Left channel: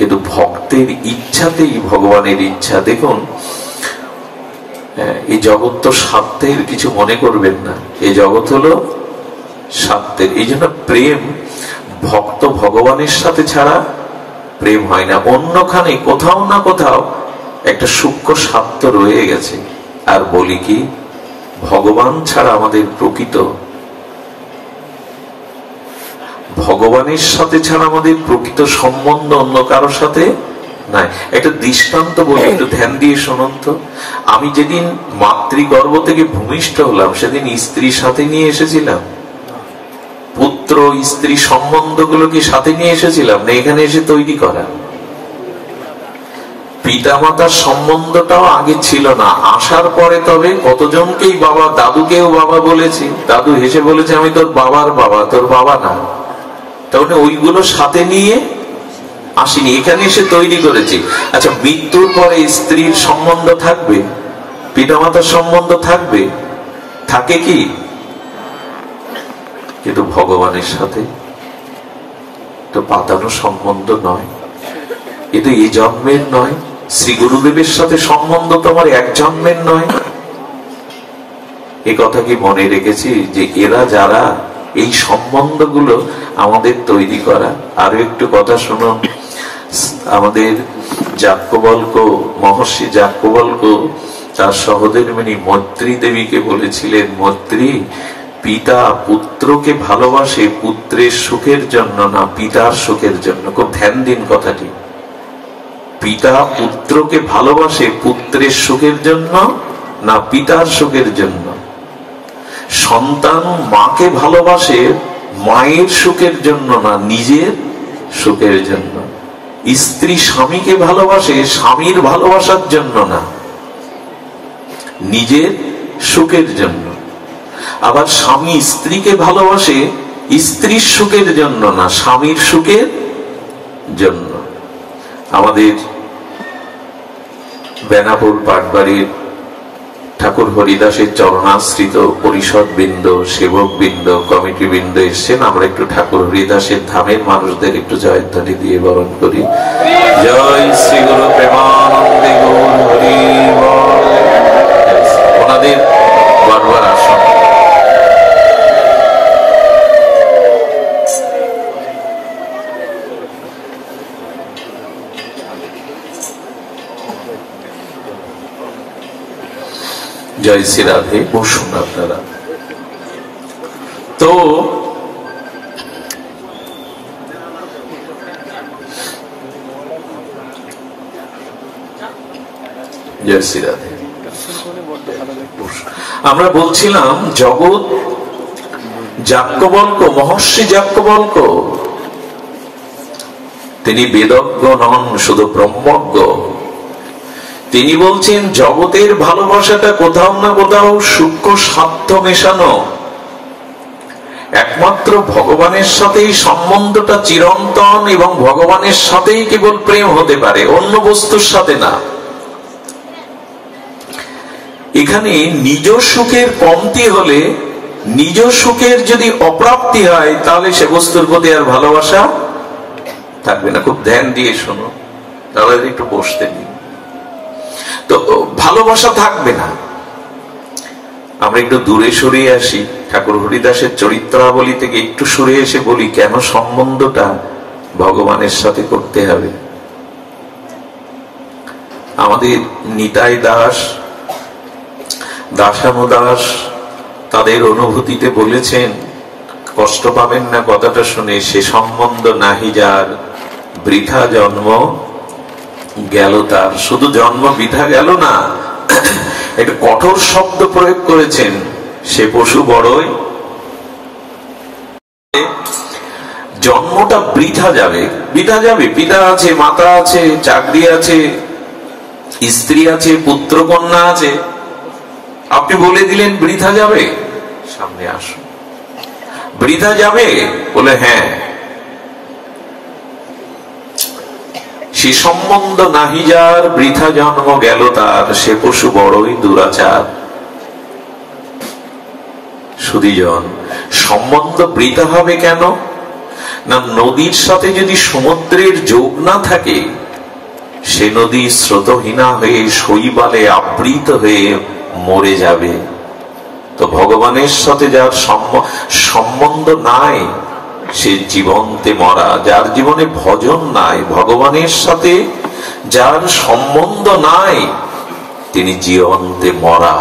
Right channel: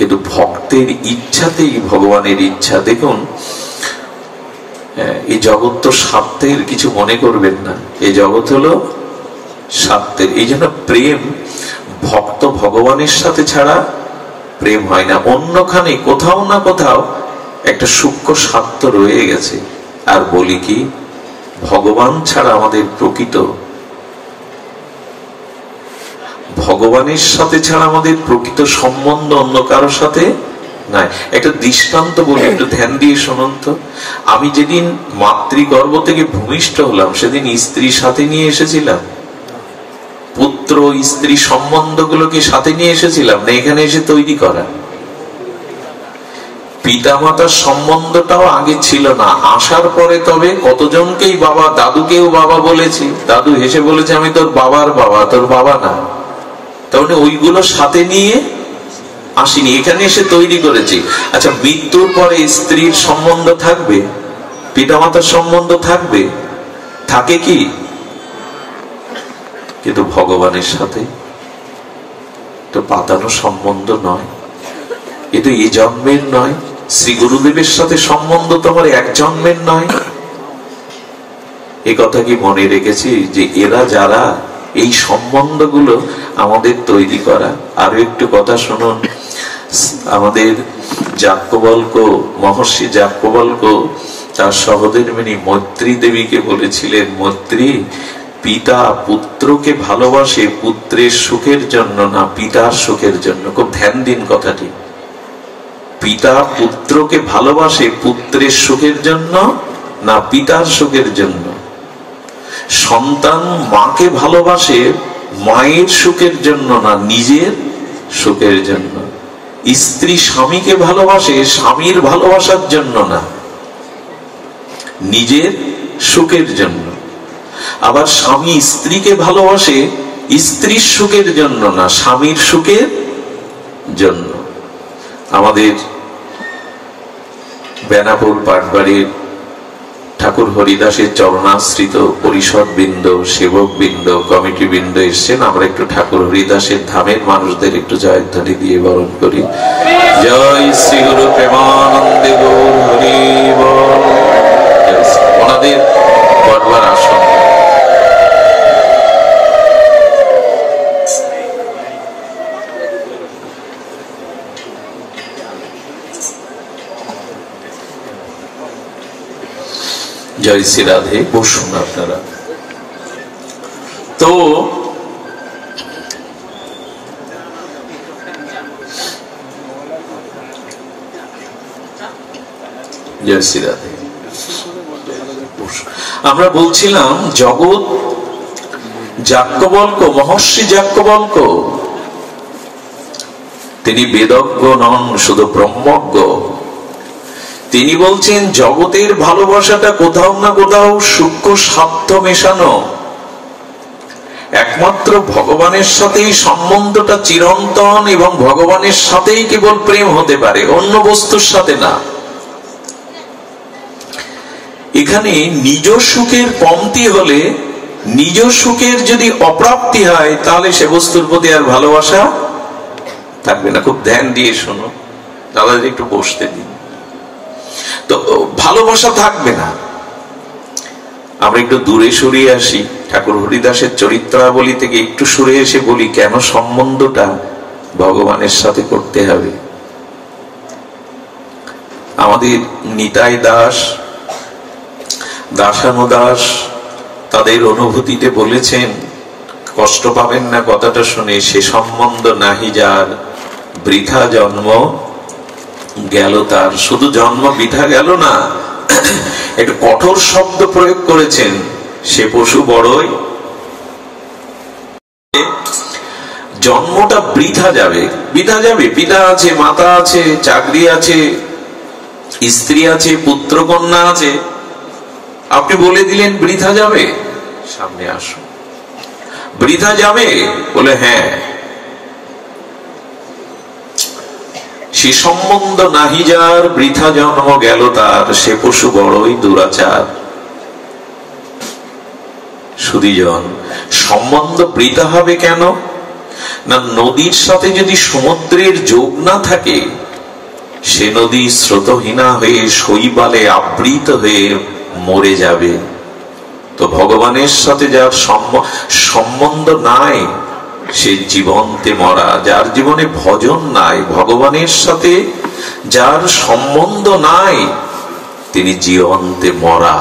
কিন্তু ভক্তের ইচ্ছাতেই ভগবানের ইচ্ছা। দেখুন, এই জগৎ তো স্বার্থের, কিছু মনে করবেন না, এই জগৎ হলো স্বার্থের। এই জন্য প্রেম ভক্ত ভগবানের সাথে ছাড়া প্রেম হয় না। অন্যখানে কোথাও না কোথাও একটা সূক্ষ্ম স্বার্থ রয়ে গেছে। আর বলি কি, ভগবান ছাড়া আমাদের প্রকৃত, ভগবানের সাথে ছাড়া আমাদের প্রকৃত সম্বন্ধ অন্য কারোর সাথে নাই। একটা দৃষ্টান্ত বলি, একটু ধ্যান দিয়ে শুনুন তো। আমি যেদিন মাতৃগর্ভ থেকে ভূমিষ্ঠ হলাম, সেদিন স্ত্রীর সাথে নিয়ে এসেছিলাম? পুত্র স্ত্রী সম্বন্ধগুলোকে সাথে নিয়ে এসেছিলাম না, এখানে এসে তৈরি করা। পিতামাতার সম্বন্ধটাও আগে ছিল না, আসার পরে তবে কতজনকেই বাবা, দাদুকেও বাবা বলেছি, দাদু হেসে বলেছে আমি তোর বাবার বাবা, তোর বাবা না। তাহলে ওইগুলো সাথে নিয়ে আসিনি, এখানে এসে তৈরি করেছি। আচ্ছা, মৃত্যুর পরে স্ত্রীর সম্বন্ধ থাকবে, পিতামাতার সম্বন্ধ থাকবে? থাকে কি? কিন্তু ভগবানের সাথে তো পাতানো সম্বন্ধ নয়, এটা এই জন্মের নয়। শ্রী গুরুদেবের সাথে সম্বন্ধ তোমার এক জন্মের নয়। এ কথা কি মনে রেখেছি যে এরা যারা এই সম্বন্ধগুলো আমাদের তৈরি করা? আরো একটু কথা শুনুন। আমাদের যাজ্ঞবল্ক্য, মহর্ষি যাজ্ঞবল্ক্য তার সহধর্মিণী মৈত্রী দেবীকে বলেছিলেন, মৈত্রী, পিতা পুত্রকে ভালোবাসে পুত্রের সুখের জন্য না পিতার সুখের জন্য। খুব ধ্যান দিন কথাটি। পিতা পুত্রকে ভালোবাসে পুত্রের সুখের জন্য না পিতার সুখের জন্য। সন্তান মাকে ভালোবাসে মায়ের সুখের জন্য না নিজের সুখের জন্য। স্ত্রী স্বামীকে ভালোবাসে স্বামীর ভালোবাসার জন্য না নিজের সুখের জন্য। আবার স্বামী স্ত্রীকে ভালোবাসে স্ত্রীর সুখের জন্য না স্বামীর সুখের জন্য। আমাদের বেনাপুর পাটবাড়ির ঠাকুর হরিদাসের চরণাশ্রিত পরিষদ বৃন্দ, সেবক বৃন্দ, কমিটি বৃন্দ এসছেন। আমরা একটু ঠাকুর হরিদাসের ধামের মানুষদের একটু জয়ধ্বনি দিয়ে বরণ করি। জয় শ্রী গুরু প্রেমানন্দে গৌর হরি বল। ওনাদের বারবার আসন। জয় শ্রী রাধে। বসুন আপনারা। তো জয় শ্রী রাধে। আমরা বলছিলাম জগৎ যাজ্ঞবল্ক্য, মহর্ষি যাজ্ঞবল্ক্য তিনি বেদজ্ঞ নন, শুধু ব্রহ্মজ্ঞ। তিনি বলছেন জগতের ভালোবাসাটা কোথাও না কোথাও সূক্ষ্ম স্বার্থ মেশানো। একমাত্র ভগবানের সাথেই সম্বন্ধটা চিরন্তন এবং ভগবানের সাথেই কেবল প্রেম হতে পারে, অন্য বস্তুর সাথে না। এখানে নিজ সুখের কমতি হলে, নিজ সুখের যদি অপ্রাপ্তি হয়, তাহলে সে বস্তুর প্রতি আর ভালোবাসা থাকবে না। খুব ধ্যান দিয়ে শোনো, তাহলে একটু বসতে দিন। তো ভালোবাসা থাকবে না। আমরা একটু দূরে সরিয়ে আসি, ঠাকুর হরিদাসের চরিত্রাবলী থেকে একটু সরে এসে বলি কেন সম্বন্ধটা ভগবানের সাথে করতে হবে। আমাদের নিতাই দাস, দাসানুদাস তাদের অনুভূতিতে বলেছেন, কষ্ট পাবেন না কথাটা শুনে, সে সম্বন্ধ নাহি যার বৃথা জন্ম গেল তার। শুধু জন্ম বৃথা গেল না, একটু কঠোর শব্দ প্রয়োগ করেছেন, সে পশু বড়ই, জন্মটা বৃথা যাবে। বৃথা যাবে, পিতা আছে, মাতা আছে, চাকরি আছে, স্ত্রী আছে, পুত্র কন্যা আছে। আপনি বলে দিলেন বৃথা যাবে, সামনে আসুন। বৃথা যাবে বলে হ্যাঁ, সে সম্বন্ধ নাহি যার বৃথা জন্ম গেল তার, সে পশু বড়ই দুরাচার। সুধীজন, সম্বন্ধ বৃথা হবে কেন? না, নদীর সাথে যদি সমুদ্রের যোগ না থাকে, সে নদী স্রোতহীনা হয়ে শৈবালে আবৃত হয়ে মরে যাবে। তো ভগবানের সাথে যার সম্বন্ধ নাই, সে জীবন্তে মরা। যার জীবনে ভজন নাই, ভগবানের সাথে যার সম্বন্ধ নাই, তিনি জীবন্তে মরা।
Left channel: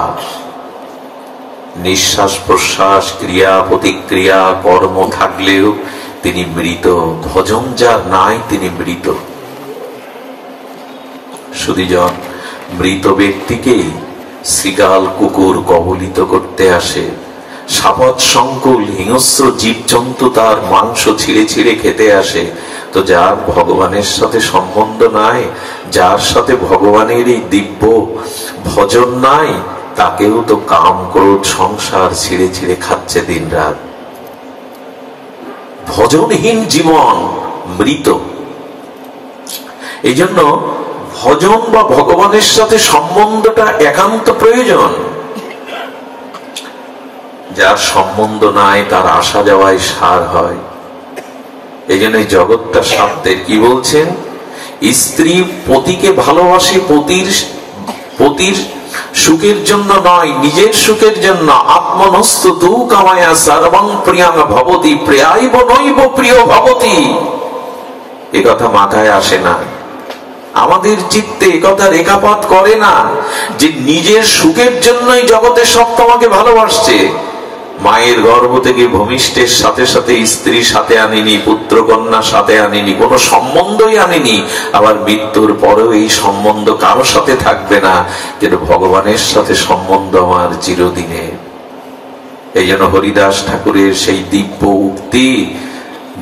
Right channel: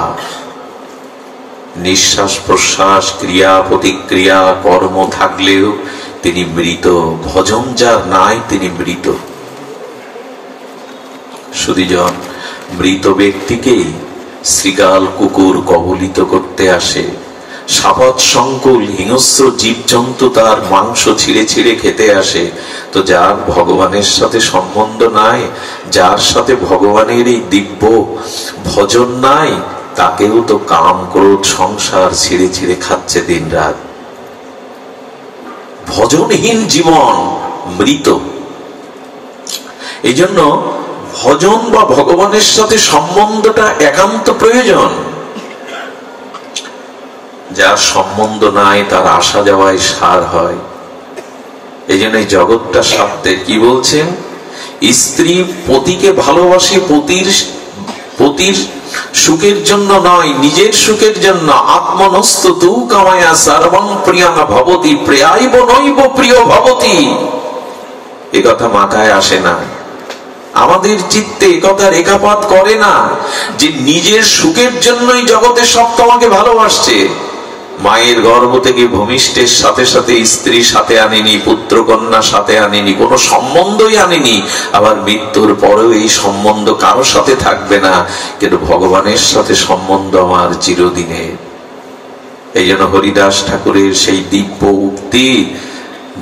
নিঃশ্বাস প্রশ্বাস, ক্রিয়া প্রতিক্রিয়া, কর্ম থাকলেও তিনি মৃত। ভজন যার নাই, তিনি মৃত। সুধীজন, মৃত ব্যক্তিকে শৃগাল কুকুর কবলিত করতে আসে, সাপত সংকুল হিংস্র জীবজন্তু তার মাংস ছিঁড়ে ছিঁড়ে খেতে আসে। তো যার ভগবানের সাথে সম্বন্ধ নাই, যার সাথে ভগবানের এই দিব্য ভজন নাই, তাকেও তো কাম ক্রোধ সংসার ছিঁড়ে ছিঁড়ে খাচ্ছে দিন রাত। ভজনহীন জীবন মৃত। এই জন্য ভজন বা ভগবানের সাথে সম্বন্ধটা একান্ত প্রয়োজন। যার সম্বন্ধ নাই, তার আসা যাওয়ায় সার হয়। এই জন্য জগৎটা স্বার্থের। কি বলছেন? স্ত্রী পতিকে ভালোবাসে পতির সুখের জন্য নয়, নিজের সুখের জন্য। আত্মনস্তু তু কামায়া সর্বং প্রিয়াং ভবতি প্রিয়াইব নৈব প্রিয় ভবতি। এ কথা মাথায় আসে না, আমাদের চিত্তে কথা রেখাপাত করে না, যে নিজের সুখের জন্যই জগতের সব তোমাকে ভালোবাসছে। মায়ের গর্ভ থেকে ভূমিষ্ঠের সাথে সাথে স্ত্রী সাথে আনেনি, পুত্র কন্যা সাথে আনেনি, কোনো সম্বন্ধই আনেনি। আবার মৃত্যুর পরেও এই সম্বন্ধ কারো সাথে থাকবে না, কিন্তু ভগবানের সাথে সম্বন্ধ আমার চিরদিনের। এই জন্য হরিদাস ঠাকুরের সেই দিব্য উক্তি,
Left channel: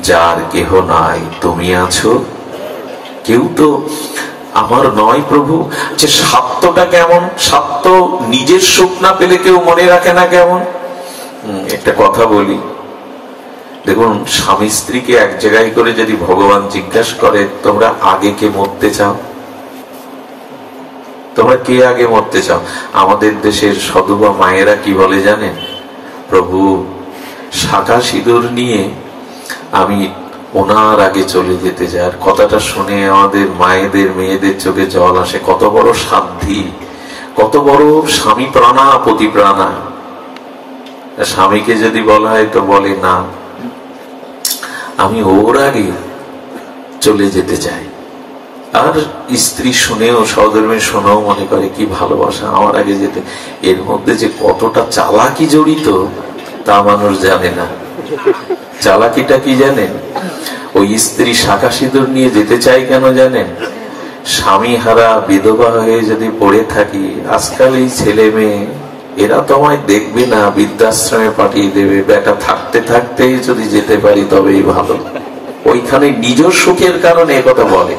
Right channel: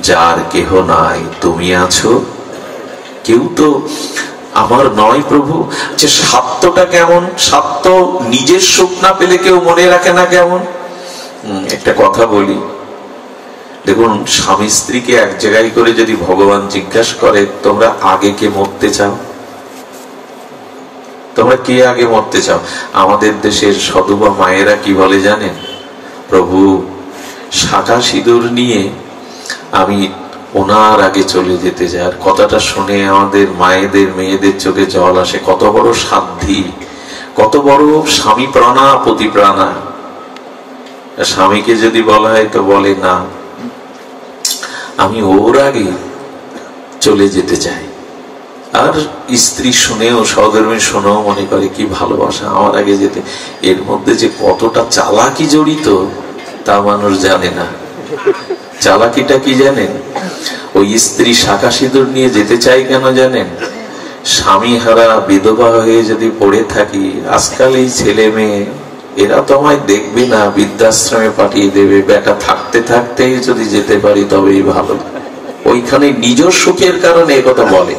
যার কেহ নাই তুমি আছো। কেউ তো আমার নয় প্রভু। যে স্বার্থটা কেমন? স্বার্থ নিজের সুখ না পেলে কেউ মনে রাখে না কেমন? একটা কথা বলি, দেখুন, স্বামী স্ত্রীকে এক জায়গায় করে যদি ভগবান জিজ্ঞাসা করে, তোমরা আগে কে মরতে চাও? তোমরা কে আগে মরতে চাও? আমাদের দেশের সধবা মায়েরা কি বলে জানেন? প্রভু, শাখা সিঁদুর নিয়ে আমি ওনার আগে চলে যেতে চাই। আর কথাটা শুনে আমাদের মায়েদের মেয়েদের চোখে জল আসে। কত বড় সাধ্যি, কত বড় স্বামী প্রাণা পতি প্রাণা। স্বামীকে যদি বলা হয় তো বলে না, আমি ওর আগে চলে যেতে চাই। আর স্ত্রী শুনেও, সহধর্মী শুনেও মনে করে কি ভালোবাসা, আমার আগে যেতে। এর মধ্যে যে কতটা চালাকি জড়িত তা মানুষ জানে না। চালাকিটা কি জানেন? ওই স্ত্রী শাখা সিঁদুর নিয়ে যেতে চাই কেন জানেন? স্বামী হারা বিধবা হয়ে যদি পড়ে থাকি, আজকাল এই ছেলে মেয়ে এরা তো আমায় দেখবে না, বৃদ্ধাশ্রমে পাঠিয়ে দেবে। বেটা থাকতে থাকতে যদি যেতে পারি তবেই ভালো। ওইখানে নিজ সুখের কারণে একথা বলে।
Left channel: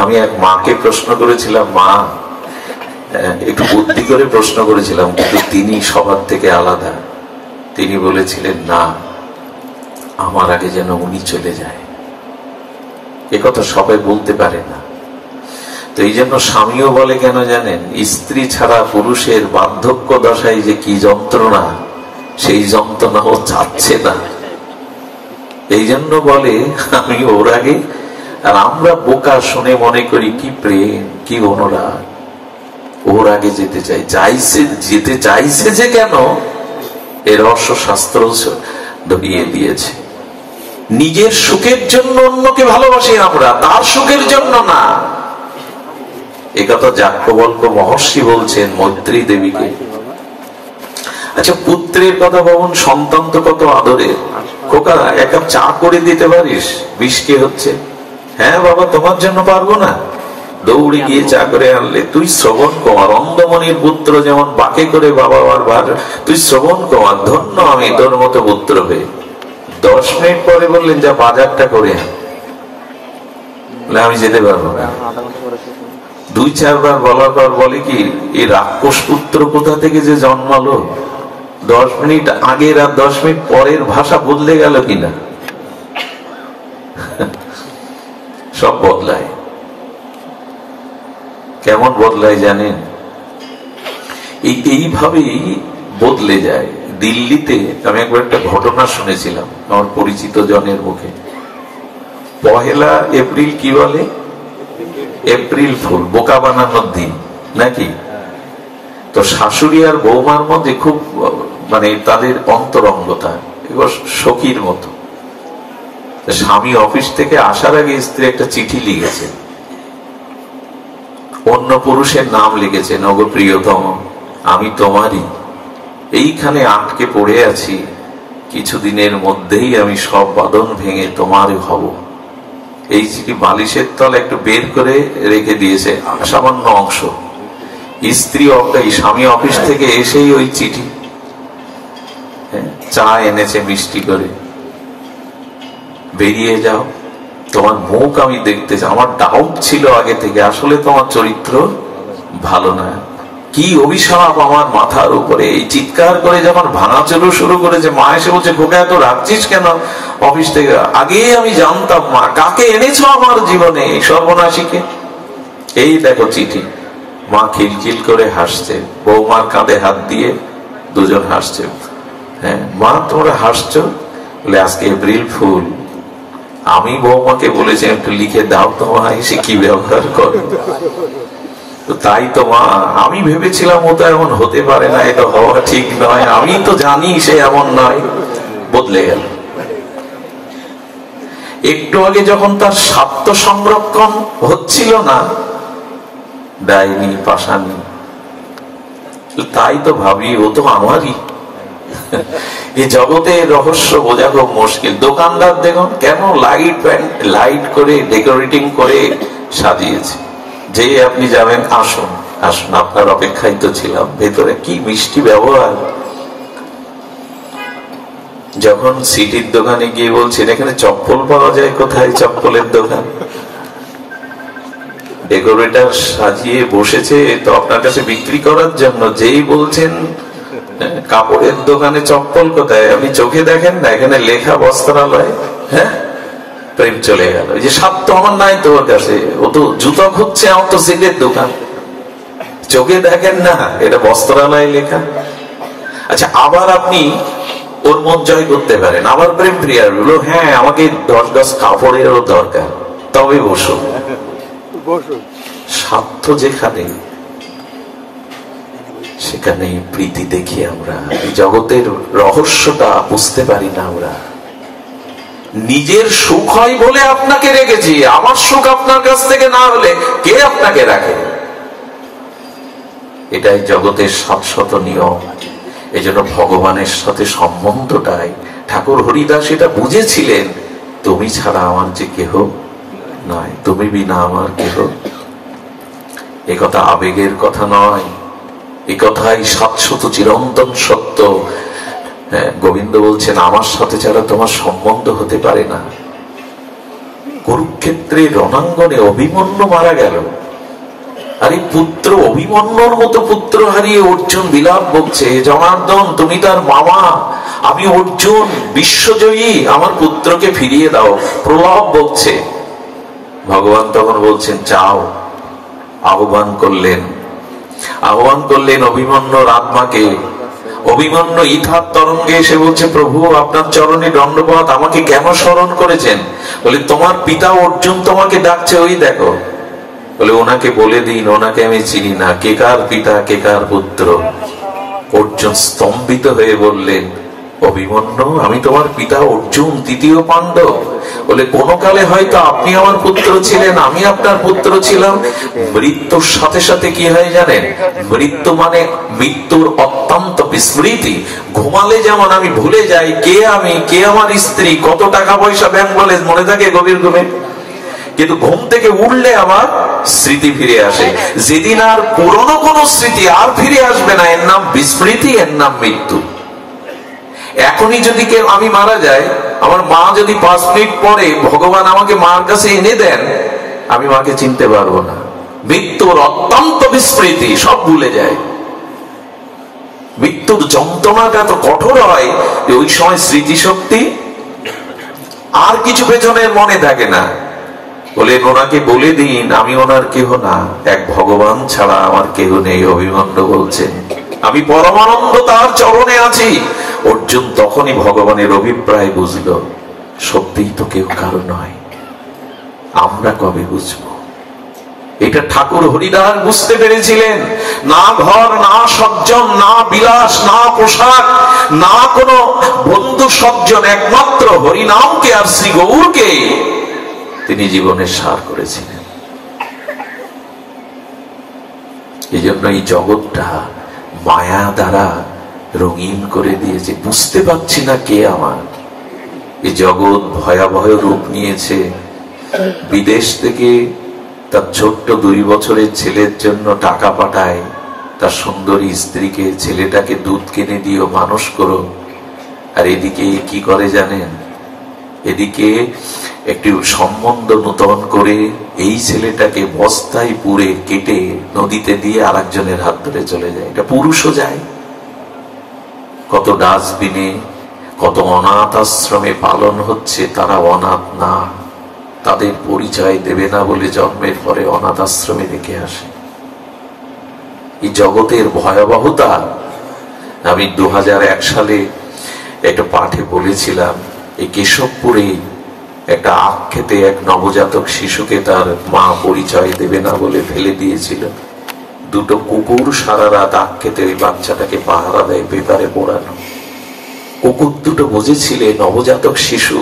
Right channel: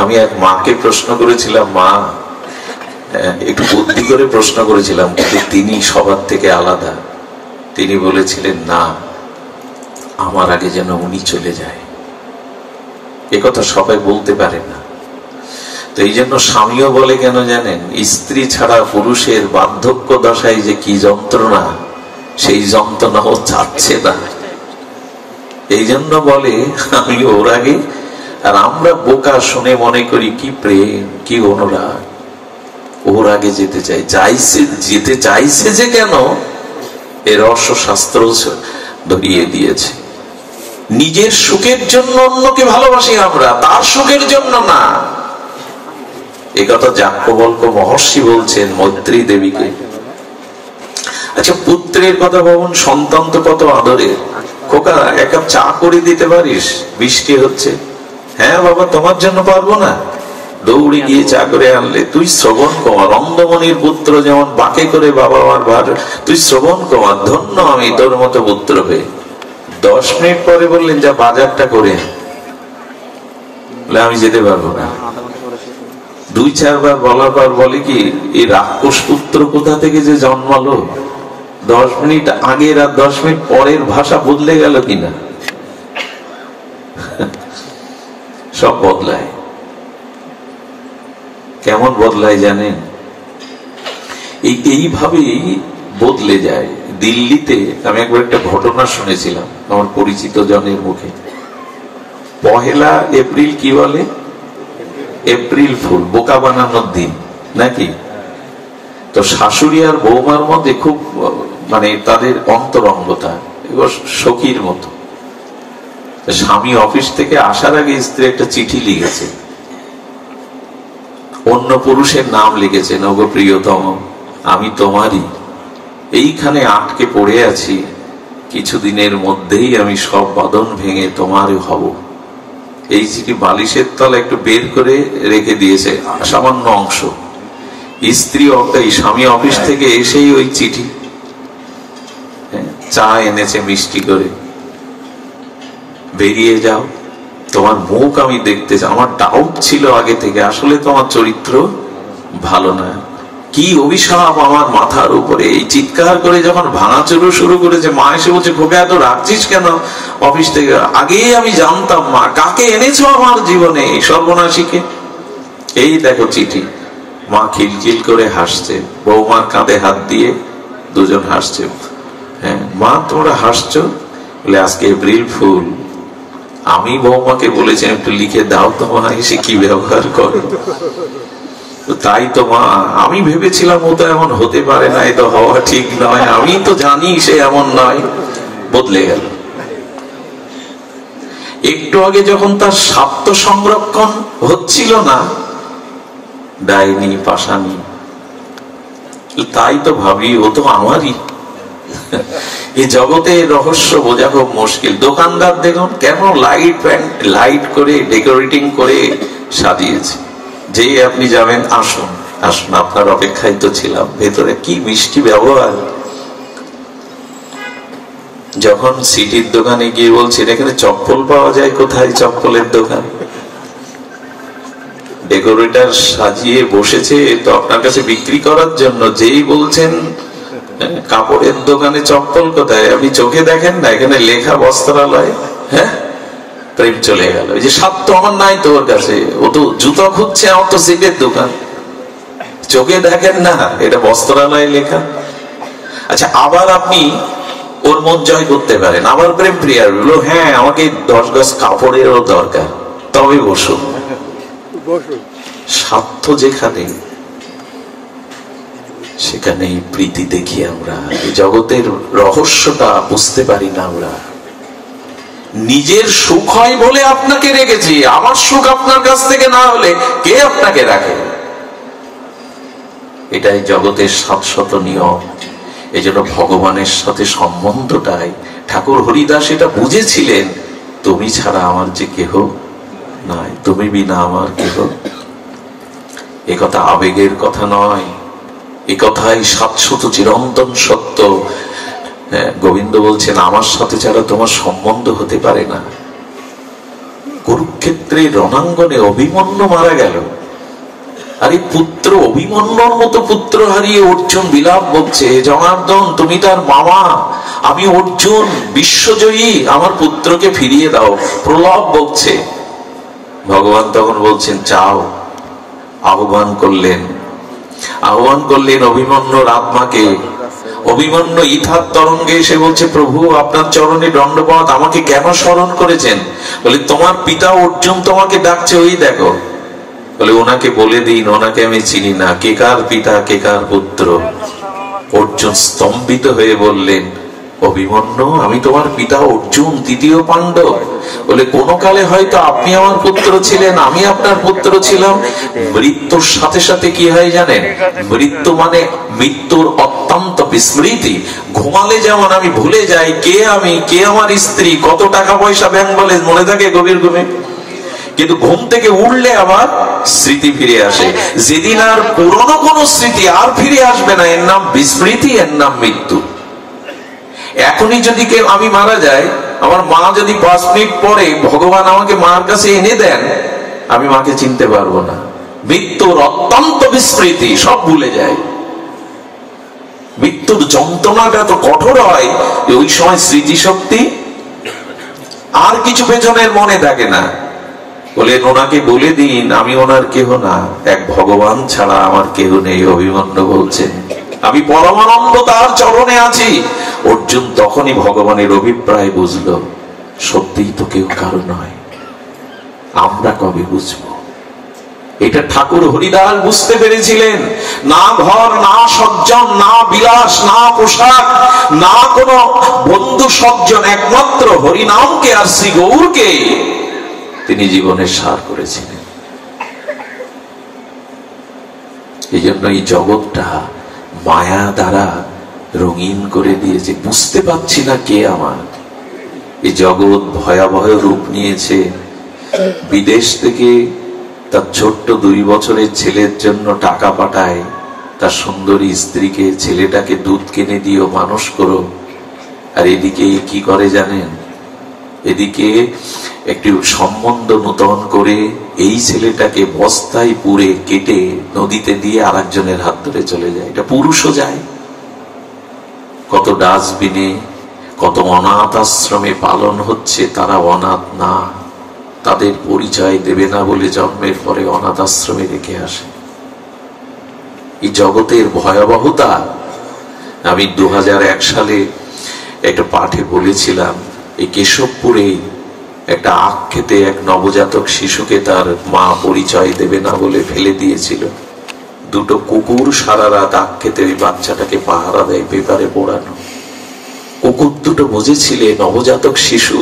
আমি এক মাকে প্রশ্ন করেছিলাম, মা, একটু বুদ্ধি করে প্রশ্ন করেছিলাম, কিন্তু তিনি সবার থেকে আলাদা। তিনি বলেছিলেন, না, আমার আগে যেন উনি চলে যায়। একথা সবাই বলতে পারে না। তো এই জন্য স্বামীও বলে কেন জানেন? স্ত্রী ছাড়া পুরুষের বার্ধক্য দশায় যে কি যন্ত্রণা, সেই যন্ত্রণা ও চাচ্ছে না। এই জন্য বলে আমি ওর আগে। আর আমরা বোকা শুনে মনে করি কি প্রেম, কি অনুরাগ, ওর আগে যেতে চাই। যেতে চাইছে যে কেন, এর রহস্য শাস্ত্র ধরিয়ে দিয়েছে। নিজের সুখের জন্য অন্যকে ভালোবাসি আমরা, তার সুখের জন্য না। একথা যাজ্ঞবল্ক্য মহর্ষি বলছেন মৈত্রী দেবীকে। আচ্ছা, পুত্রের কথা ভাবুন, সন্তান তো কত আদরের। খোকা, এক কাপ চা করে দিতে পারিস? বৃষ্টি হচ্ছে। হ্যাঁ বাবা, তোমার জন্য পারবো না? দৌড়ে গিয়ে চা করে আনলে। তুই শ্রবণ কুমার, অন্ধমণির পুত্র যেমন বাকে করে বাবা মার ভার, তুই শ্রবণ কুমার, ধন্য আমি তোর মতো পুত্র হয়ে। 10 মিনিট পরে বললেন, যা বাজারটা করে আমি যেতে পারবো না। 2-4 বার বলার পর বলে কি, এই রাক্ষস পুত্র কোথা থেকে যে জন্মালো? 10 মিনিট আগের আর 10 মিনিট পরের ভাষা বদলে গেল কিনা? সব বদলায়। কেমন বদলায় জানেন? এইভাবেই বদলে যায়। দিল্লিতে আমি একবার একটা ঘটনা শুনেছিলাম আমার পরিচিত জনের মুখে। 1 এপ্রিল কি বলে? এপ্রিল ফুল, বোকা বানানোর দিন নাকি। তো শাশুড়ি আর বৌমার মধ্যে খুব মানে তাদের অন্তরঙ্গতা, এবার সখীর মতো। স্বামী অফিস থেকে আসার আগে স্ত্রী একটা চিঠি লিখেছে, অন্য পুরুষের নাম লিখেছেন, ওগো প্রিয়তম আমি তোমারই, এইখানে আটকে পড়ে আছি, কিছুদিনের মধ্যেই আমি সব বাঁধন ভেঙে তোমার হব। এই চিঠি বালিশের তলা একটু বের করে রেখে দিয়েছে সামান্য অংশ। স্ত্রী স্বামী অফিস থেকে এসেই ওই চিঠি, চা এনেছে মিষ্টি করে, বেরিয়ে যাও, তোমার মুখ আমি দেখতে চাই। আমার ডাউট ছিল আগে থেকে, আসলে তোমার চরিত্র ভালো না। কি অভিশাপ আমার মাথার উপরে। এই চিৎকার করে যখন ভাঙাচুরো শুরু করেছে, মা এসে বলছে, খোকা এত রাখছিস কেন অফিস থেকে? আগেই আমি জানতাম মা, কাকে এনেছো আমার জীবনে এই সর্বনাশীকে। এই দেখো চিঠি। মা খিলখিল করে হাসছে, বৌমার কাঁধে হাত দিয়ে দুজন হাসছে। হ্যাঁ মা, তোমরা হাসছো? আজকে এপ্রিল ফুল। আমি বৌমাকে বলেছি একটু লিখে দাও তো মা, এসে কি ব্যবহার করে। তাই তো মা, আমি ভেবেছিলাম ও তো এমন হতে পারে না, এটা হওয়া ঠিক নয়, আমি তো জানি সে এমন নয়। বদলে গেল। একটু আগে যখন তার স্বার্থ সংরক্ষণ হচ্ছিল না, ডাইনি পাশানি, তাই তো ভাবি ও তো আমারই। এই জগতে রহস্য বোঝা খুব মুশকিল। দোকানদার দেখুন কেন লাইট করে ডেকোরেটিং করে সাজিয়েছে, যেই আপনি যাবেন, আসুন আসুন আপনার অপেক্ষায় তো ছিলাম, ভেতরে কি মিষ্টি ব্যবহার। যখন সিটির দোকানে গিয়ে বলছেন এখানে চপ্পল পাওয়া যায়, কোথায় চপ্পলের দোকান? ডেকোরেটর সাজিয়ে বসেছে তো আপনার কাছে বিক্রি করার জন্য, যেই বলছেন কাপড়ের দোকানে চপ্পল কোথায়, আপনি চোখে দেখেন না এখানে লেখা বস্ত্রালয়, হ্যাঁ প্রেম চলে গেল। এই যে স্বার্থ আমার নাই তোর কাছে, ও তো জুতো খুঁজছে, আমার তো সিটের দোকান, চোখে দেখেন না এটা বস্ত্রালয় লেখা। আচ্ছা, আবার আপনি ওর মন জয় করতে পারেন, আবার প্রেম প্রিয়ার হলো, হ্যাঁ আমাকে 10 গজ কাপড়েরও দরকার, তবে বসুন। স্বার্থ যেখানে, সেখানেই প্রীতি দেখি আমরা। এই জগতের রহস্যটা বুঝতে পারি না আমরা। নিজের সুখ হয় বলে আপনাকে রেখেছি, আমার সুখ আপনার কাছ থেকে না হলে কে আপনাকে রাখে? এটাই জগতের শাশ্বত নিয়ম। এই জন্য ভগবানের সাথে সম্বন্ধটাই, ঠাকুর হরিদাস এটা বুঝেছিলেন, তুমি ছাড়া আমার যে কেহ নাই, তুমি বিনা আমার কেহ। এ কথা আবেগের কথা নয়, এ কথাই শাশ্বত চিরন্তন সত্য। গোবিন্দ বলছেন আমার সাথে ছাড়া তোমার সম্বন্ধ হতে পারে না। কুরুক্ষেত্রে রণাঙ্গনে অভিমন্যু মারা গেল, আর এই পুত্র অভিমন্যুর মতো পুত্র হারিয়ে অর্জুন বিলাপ বলছে, জনার্দন তুমি তার মামা, আমি অর্জুন বিশ্বজয়ী, আমার পুত্রকে ফিরিয়ে দাও। প্রলাপ বলছে। ভগবান তখন বলছেন যাও। আহ্বান করলেন অভিমন্যুর আত্মাকে। অভিমন্যু ইথার তরঙ্গে এসে বলছে, প্রভু আপনার চরণে দণ্ডপাত, আমাকে কেন স্মরণ করেছেন? বলে তোমার পিতা অর্জুন তোমাকে ডাকছে, ওই দেখো। বলে ওনাকে বলে দিন, ওনাকে আমি চিনি না, কে কার পিতা কে কার পুত্র। অর্জুন স্তম্ভিত হয়ে বললেন, অভিমন্যু আমি তোমার পিতা অর্জুন, 3য় পাণ্ডব। বলে কোন কালে হয়তো আপনি আমার পুত্র ছিলেন, আমি আপনার পুত্র ছিলাম। মৃত্যুর সাথে সাথে কি হয় জানেন? মৃত্যু মানে মৃত্যুর অত্যন্ত বিস্মৃতি। ঘুমালে যেমন আমি ভুলে যাই কে আমি, কে আমার স্ত্রী, কত টাকা পয়সা ব্যাংক বলে মনে থাকে গভীর ঘুমে, কিন্তু ঘুম থেকে উঠলে আবার স্মৃতি ফিরে আসে। যেদিন আর পুরনো কোন স্মৃতি আর ফিরে আসবে না, এর নাম বিস্মৃতি, এর নাম মৃত্যু। এখনই যদি কেউ, আমি মারা যাই, আমার মা যদি 5 মিনিট পরে ভগবান আমাকে মার কাছে এনে দেন, আমি মাকে চিনতে পারবো না। মৃত্যুর অত্যন্ত বিস্মৃতি, সব ভুলে যায়। মৃত্যুর যন্ত্রণাটা এত কঠোর হয় যে ওই সময় স্মৃতিশক্তি আর কিছু পেছনের মনে থাকে না। বলে ওনাকে বলে দিন আমি ওনার কেহ না, এক ভগবান ছাড়া আমার কেহ নেই। অভিমন্যু বলছেন আমি পরমানন্দ তার চরণে আছি। অর্জুন তখনই ভগবানের অভিপ্রায় বুঝলো, সত্যিই তো কেউ কারো নয়। আমরা কবে বুঝবো? এটা ঠাকুর হরিদাস বুঝতে পেরেছিলেন। না ঘর, না সজ্জন, না বিলাস, না পোশাক, না কোনো বন্ধু সজ্জন, একমাত্র হরিনামকে আর শ্রী গৌরকে তিনি জীবনের সার করেছিলেন। এই জন্য এই জগৎটা মায়া দ্বারা রঙিন করে দিয়েছে। বুঝতে পারছি না কে আমার। এই জগৎ ভয়াবহ রূপ নিয়েছে। বিদেশ থেকে তার ছোট্ট 2 বছরের ছেলের জন্য টাকা পাঠায়, তার সুন্দরী স্ত্রীকে, ছেলেটাকে দুধ কিনে দিও, মানুষ করো। আর এদিকে কি করে জানেন? এদিকে একটি সম্বন্ধ নূতন করে এই ছেলেটাকে বস্তায় পুরে কেটে নদীতে দিয়ে আরেকজনের হাত ধরে চলে যায়। এটা পুরুষও যায়। কত ডাস্টবিনে, কত অনাথ আশ্রমে পালন হচ্ছে, তারা অনাথ না, তাদের পরিচয় দেবে না বলে জন্মের পরে অনাথ আশ্রমে রেখে আসে। এই জগতের ভয়াবহতা আমি 2001 সালে একটা পাঠে বলেছিলাম। এই কেশবপুরে একটা আখ খেতে এক নবজাতক শিশুকে তার মা পরিচয় দেবে না বলে ফেলে দিয়েছিল। 2টো কুকুর সারা রাত আখ খেতে ওই বাচ্চাটাকে পাহারা দেয়, পেপারে পড়ানো। কুকুর 2টো বুঝেছিলে নবজাতক শিশু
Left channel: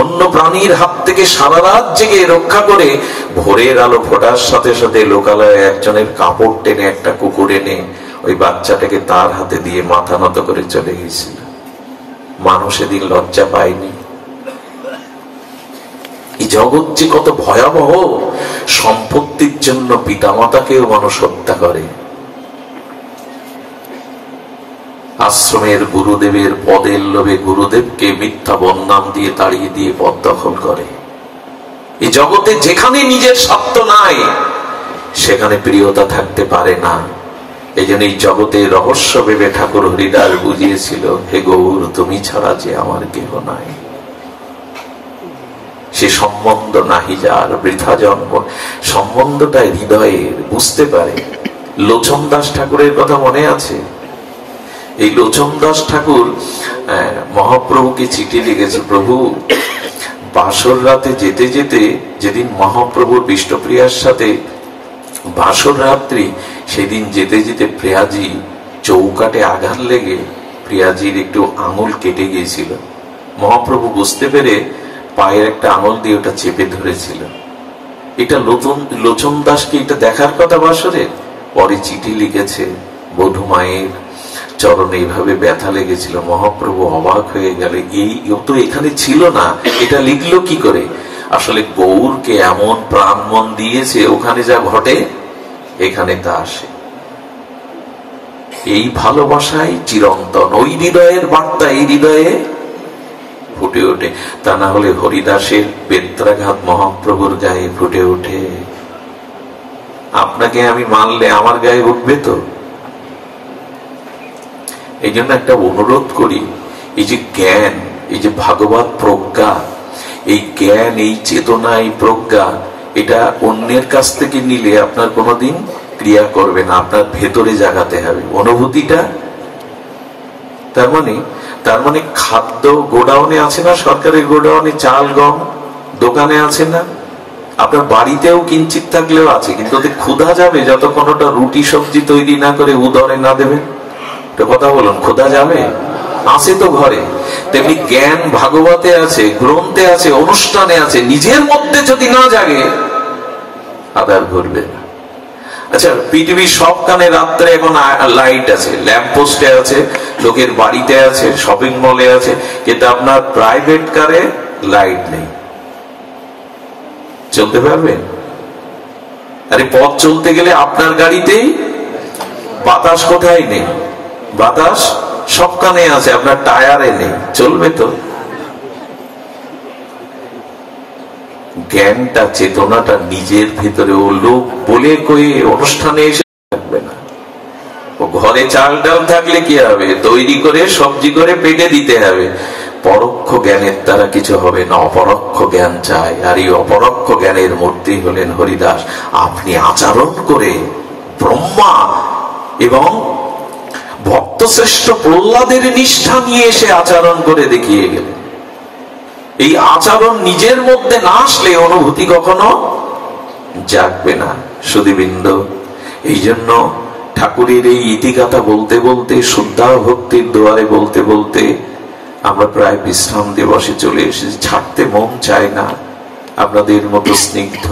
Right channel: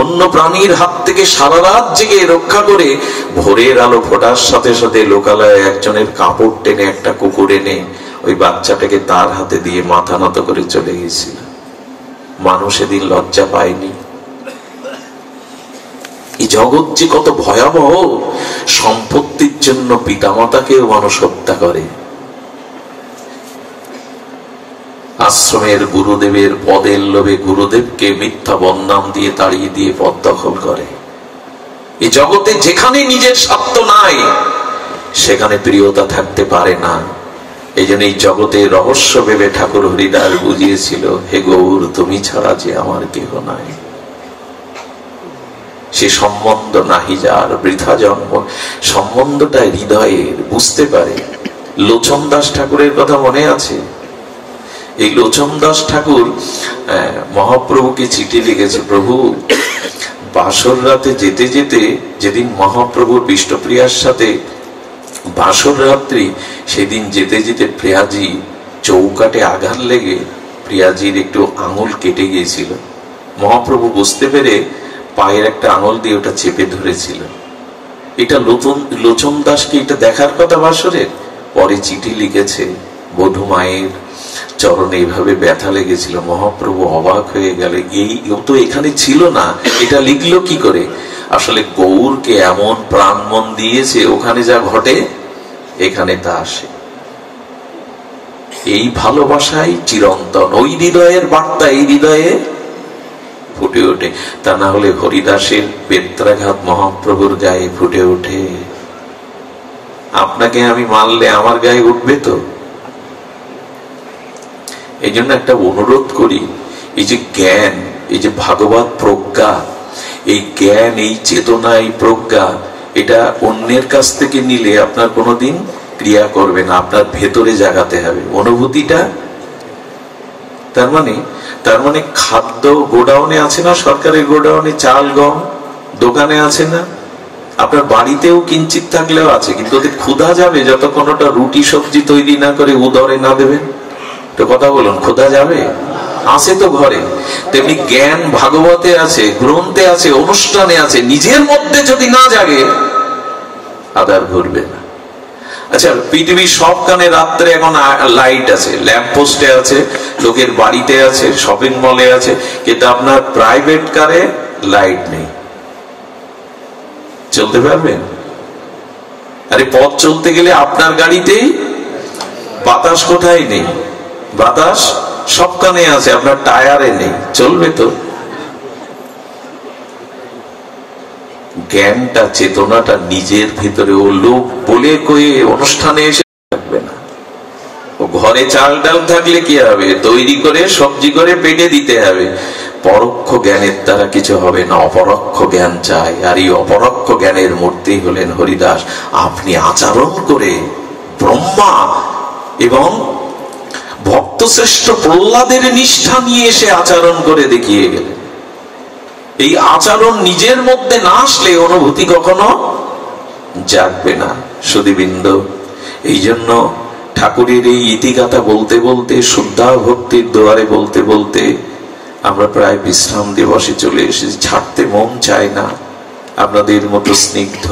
অন্য প্রাণীর হাত থেকে সারা রাত জেগে রক্ষা করে ভোরের আলো ফোটার সাথে সাথে লোকালয়ে একজনের কাপড় টেনে একটা কুকুর এনে ওই বাচ্চাটাকে তার হাতে দিয়ে মাথা নত করে চলে গেছিল। মানুষ এদিন লজ্জা পায়নি। এই জগৎ যে কত ভয়াবহ। সম্পত্তির জন্য পিতামাতাকেও মানুষ হত্যা করে। আশ্রমের গুরুদেবের পদের লোভে গুরুদেবকে মিথ্যা বদনাম দিয়ে তাড়িয়ে দিয়ে পদ দখল করে। এই জগতে যেখানে নিজের স্বার্থ নাই সেখানে প্রিয়তা থাকতে পারে না। এই জন্য এই জগতে রহস্য ভেবে ঠাকুর হরিদাস বুঝিয়েছিল, হে গৌর তুমি ছাড়া যে আমার কেহ নাই। সে সম্বন্ধ নাহি যার বৃথা জন্ম। সম্বন্ধটা হৃদয়ের, বুঝতে পারে। লোচন দাস ঠাকুরের কথা মনে আছে? এই লোচন দাস ঠাকুর মহাপ্রভুকে চিঠি লিখেছে, প্রভু বাসর রাতে যেতে যেতে, যেদিন মহাপ্রভুর বিষ্ণুপ্রিয়ার সাথে বাসর রাত্রি, সেদিন যেতে যেতে প্রিয়াজি চৌকাটে আঘাত লেগে প্রিয়াজির একটু আঙুল কেটে গিয়েছিল। মহাপ্রভু বুঝতে পেরে পায়ের একটা আঙুল দিয়ে ওটা চেপে ধরেছিল। এটা লোচন দাসকে এটা দেখার কথা বাসরের। পরে চিঠি লিখেছে, বধূ মায়ের চরণে এইভাবে ব্যথা লেগেছিল। মহাপ্রভু অবাক হয়ে গেলে, এই তো এখানে ছিল না, এটা লিখলো কি করে? আসলে গৌরকে এমন প্রাণ মন দিয়েছে, ওখানে যা ঘটে এখানে তা আসে। এই ভালোবাসাই চিরন্তন। ওই হৃদয়ের বার্তা এই হৃদয়ে ফুটে ওঠে। তা না হলে হরিদাসের বেত্রাঘাত মহাপ্রভুর গায়ে ফুটে ওঠে। আপনাকে আমি মানলে আমার গায়ে উঠবে তো? এই জন্য একটা অনুরোধ করি, এই যে জ্ঞান, এই যে ভাগবত প্রজ্ঞা, এই জ্ঞান, এই চেতনা, এই প্রজ্ঞা, এটা অন্যের কাছ থেকে নিলে আপনার কোনোদিন ক্রিয়া করবে না। আপনার ভেতরে জাগাতে হবে অনুভূতিটা। তার মানে খাদ্য গোডাউনে আছে না, সরকারের গোডাউনে চাল গম দোকানে আছে না, আপনার বাড়িতেও কিঞ্চিত থাকলেও আছে, কিন্তু ওদের ক্ষুধা যাবে যতক্ষণ ওটা রুটি সবজি তৈরি না করে উদরে না দেবে। তো কথা বলুন, ক্ষুধা যাবে? আছে তো ঘরে। তেমনি জ্ঞান ভাগবতে আছে, গ্রন্থে আছে, অনুষ্ঠানে আছে। নিজের মধ্যে যদি না জাগে আধার ঘুরবে না। আচ্ছা, পৃথিবীর সবখানে রাত্রে এখন লাইট আছে, ল্যাম্প পোস্টে আছে, লোকের বাড়িতে আছে, শপিং মলে আছে, কিন্তু আপনার প্রাইভেট কারে লাইট নেই। চলতে পারবেন? আরে পথ চলতে গেলে আপনার গাড়িতেই বাতাস কোথায় নেই? বাতাস সবখানে আছে, আপনার টায়ারে নেই। চলবে তো? জ্ঞানটা, চেতনাটা নিজের ভিতরে। ও লোক বলে কয়ে অনুষ্ঠানে এসে থাকবে না। ও ঘরে চাল ডাল থাকলে কি হবে? তৈরি করে সবজি করে পেটে দিতে হবে। পরোক্ষ জ্ঞানের দ্বারা কিছু হবে না, অপরোক্ষ জ্ঞান চাই। আর এই অপরোক্ষ জ্ঞানের মূর্তি হলেন হরিদাস। আপনি আচরণ করে ব্রহ্মা এবং ভক্ত শ্রেষ্ঠ প্রহ্লাদের নিষ্ঠা নিয়ে এসে আচরণ করে দেখিয়ে গেল। এই আচরণ নিজের মধ্যে না আসলে অনুভূতি কখনো জাগবে না। সুধীবৃন্দ, এই জন্য ঠাকুরের এই ইতিগাথা বলতে বলতে, শুদ্ধা ভক্তির দুয়ারে বলতে বলতে আমরা প্রায় বিশ্রাম দিবসে চলে এসেছি। ছাড়তে মন চায় না। আপনাদের মতো স্নিগ্ধ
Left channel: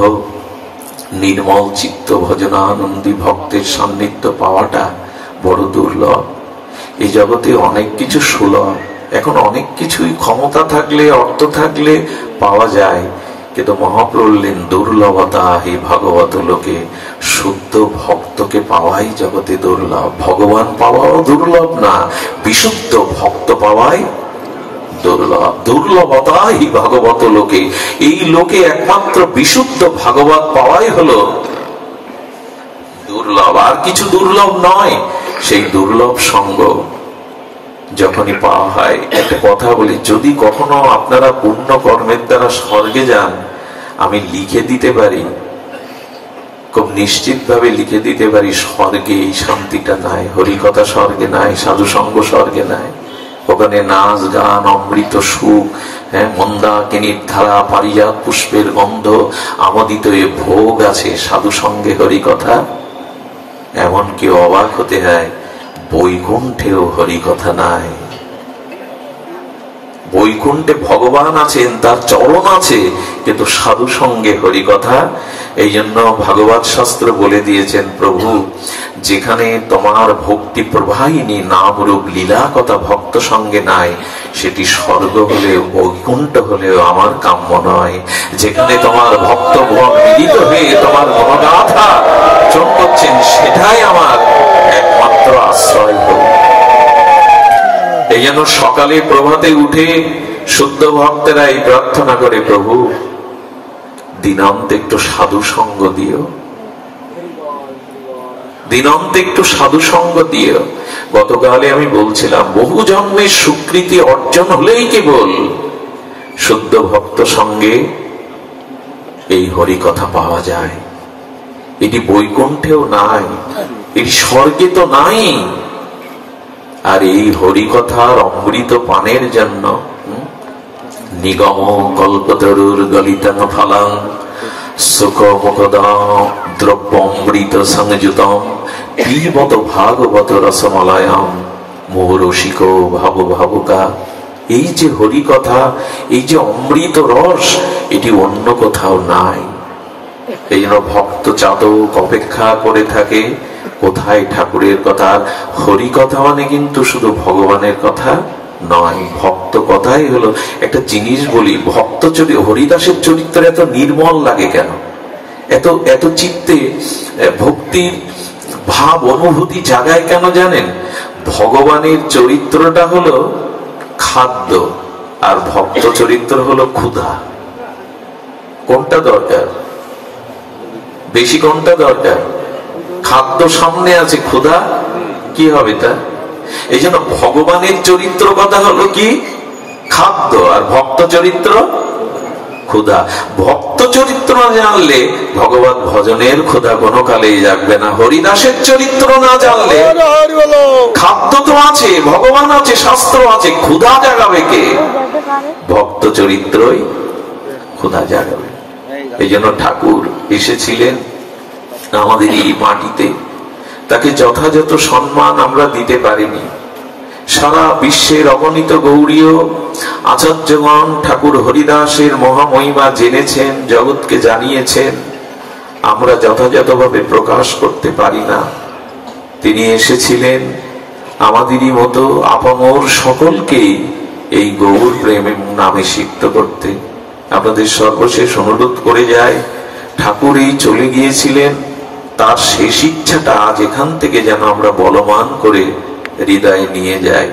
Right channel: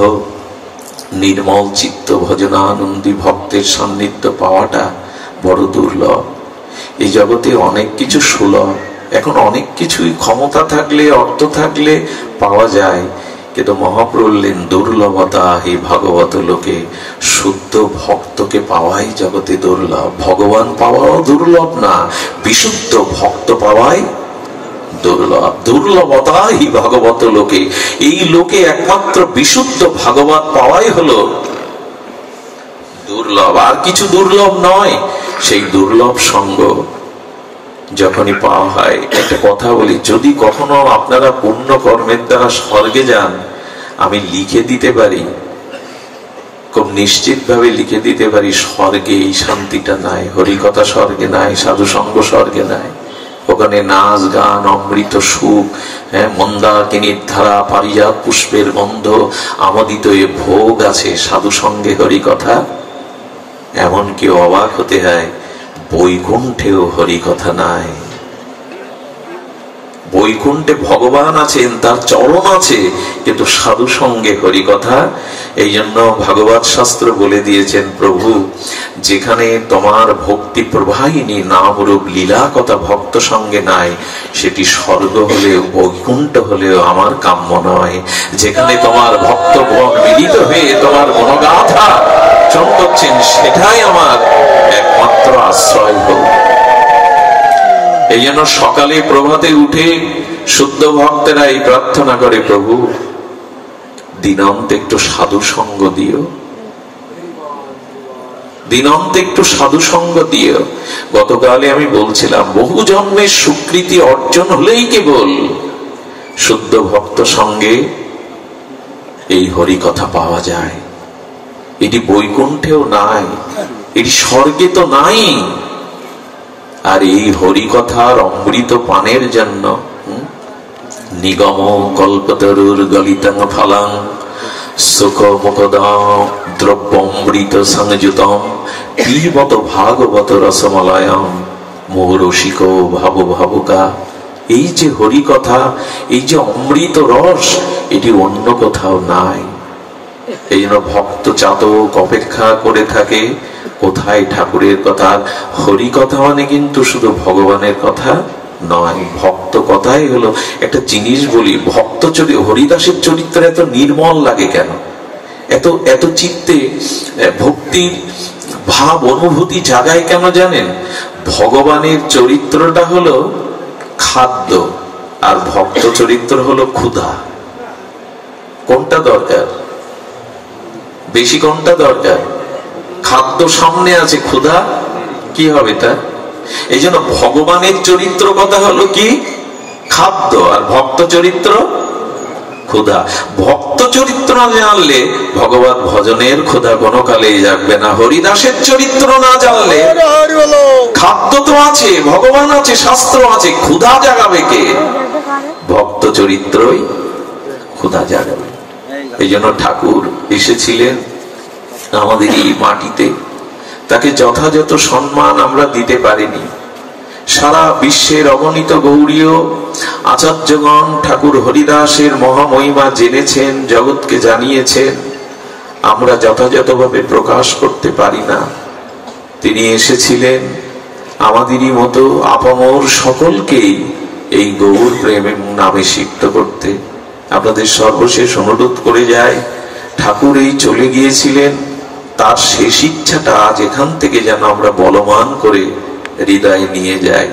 নির্মল চিত্ত ভজনানন্দী ভক্তের সান্নিধ্য পাওয়াটা বড় দুর্লভ। এই জগতে অনেক কিছু সুলভ, এখন অনেক কিছুই ক্ষমতা থাকলে, অর্থ থাকলে পাওয়া যায়, কিন্তু মহাপ্রভু বললেন দুর্লভতা হে ভাগবত লোকে, শুদ্ধ ভক্তকে পাওয়াই জগতে দুর্লভ। ভগবান পাওয়াও দুর্লভ না, বিশুদ্ধ ভক্ত পাওয়াই দুর্লভ। দুর্লভতা হি ভাগবত লোকে, এই লোকে একমাত্র বিশুদ্ধ ভাগবত পাওয়াই হলো দুর্লভ, আর কিছু দুর্লভ নয়। সেই দুর্লভ সঙ্গ যখনই পাওয়া হয়, একটা কথা বলি, যদি কখনো আপনারা পূর্ণ কর্মের দ্বারা স্বর্গে যান, আমি লিখে দিতে পারি, খুব নিশ্চিত ভাবে লিখে দিতে পারি, স্বর্গে এই শান্তিটা নাই, হরিকথা স্বর্গে নাই, সাধু সঙ্গ স্বর্গে নাই। ওখানে নাচ গান, অমৃত সুখ, মন্দাকিনীর ধারা, পারিজাত পুষ্পের গন্ধ, আমোদিত এ ভোগ আছে, সাধু সঙ্গে হরিকথা। এমনকি অবাক হতে হয়, বৈকুণ্ঠেও হরিকথা নাই। বৈকুণ্ঠে ভগবান আছেন, তার চরণ আছে, কিন্তু সাধু সঙ্গে হরিকথা। এই জন্য ভাগবত শাস্ত্র বলে দিয়েছেন, প্রভু যেখানে তোমার ভক্তি প্রবাহিনী নামরূপ লীলা কথা ভক্ত সঙ্গে নাই, সেটি স্বর্গ হলেও বৈকুণ্ঠ হলেও আমার কাম্য নয়। যেখানে তোমার ভক্তগণ মিলিত হয়ে তোমার গুণগাথা চন করছেন, সেটাই আমার একমাত্র আশ্রয় হোক। এই জন্য সকালে প্রভাতে উঠে শুদ্ধ ভক্তেরা এই প্রার্থনা করে, প্রভু দিনান্তে একটু সাধু সঙ্গ দিও, দিনান্তে একটু সাধু সঙ্গ দিও। গতকালে আমি বলছিলাম, বহু জন্মের স্বীকৃতি অর্জন হলেই কেবল শুদ্ধ ভক্ত সঙ্গে এই হরি কথা পাওয়া যায়। এটি বৈকুণ্ঠেও নাই, এটি স্বর্গে তো নাই। আর এই হরি কথার অমৃত পানের জন্য নিগম কল্পতরুর গলিতং ফলং সুখ মুখদম দ্রব্য অমৃত সংযুতম পিবত ভাগবত রসমলয়ম মোহরসিক ভাব ভাবুকা। এই যে হরি কথা, এই যে অমৃত রস, এটি অন্য কোথাও নাই। এই জন্য ভক্ত চাতক অপেক্ষা করে থাকে কোথায় ঠাকুরের কথা। হরি কথা মানে কিন্তু শুধু ভগবানের কথা নয়, ভক্ত কথাই হলো। একটা জিনিস বলি, ভক্ত হরিদাসের চরিত্র এত নির্মল লাগে কেন, এত এত চিত্তে ভক্তির ভাব অনুভূতি জাগায় কেন জানেন? ভগবানের চরিত্রটা হলো খাদ্য, আর ভক্ত চরিত্র হলো ক্ষুধা। কোনটা দরকার বেশি, কোনটা দরকার? খাদ্য সামনে আছে, ক্ষুধা কি হবে তা? এই জন্য ভগবানের চরিত্র কথা হলো কি? খাদ্য, আর ভক্ত চরিত্র ক্ষুধা। ভক্ত চরিত্র না জানলে ভগবত ভজনের ক্ষুধা কোনো কালেই জাগবে না। হরিদাসের চরিত্র না জানলে খাদ্য তো আছে, ভগবান আছে, শাস্ত্র আছে, ক্ষুধা জাগাবে কে? ভক্ত চরিত্রই ক্ষুধা জাগাবে। এই জন্য ঠাকুর এসেছিলেন আমাদের এই মাটিতে, তাকে যথাযথ সম্মান আমরা দিতে পারিনি। সারা বিশ্বের অগণিত গৌরীয় আচার্যগণ ঠাকুর হরিদাসের মহামহিমা জেনেছেন, জগৎকে জানিয়েছেন, আমরা যথাযথভাবে প্রকাশ করতে পারি না। তিনি এসেছিলেন আমাদেরই মতো আপামর সকলকেই এই গৌর প্রেম নামে সিদ্ধ করতে। আপনাদের সর্বশেষ অনুরোধ করে যায়, ঠাকুর এই চলে গিয়েছিলেন, তার শেষ ইচ্ছাটা আজ এখান থেকে যেন আমরা বলবান করে হৃদয়ে নিয়ে যাই।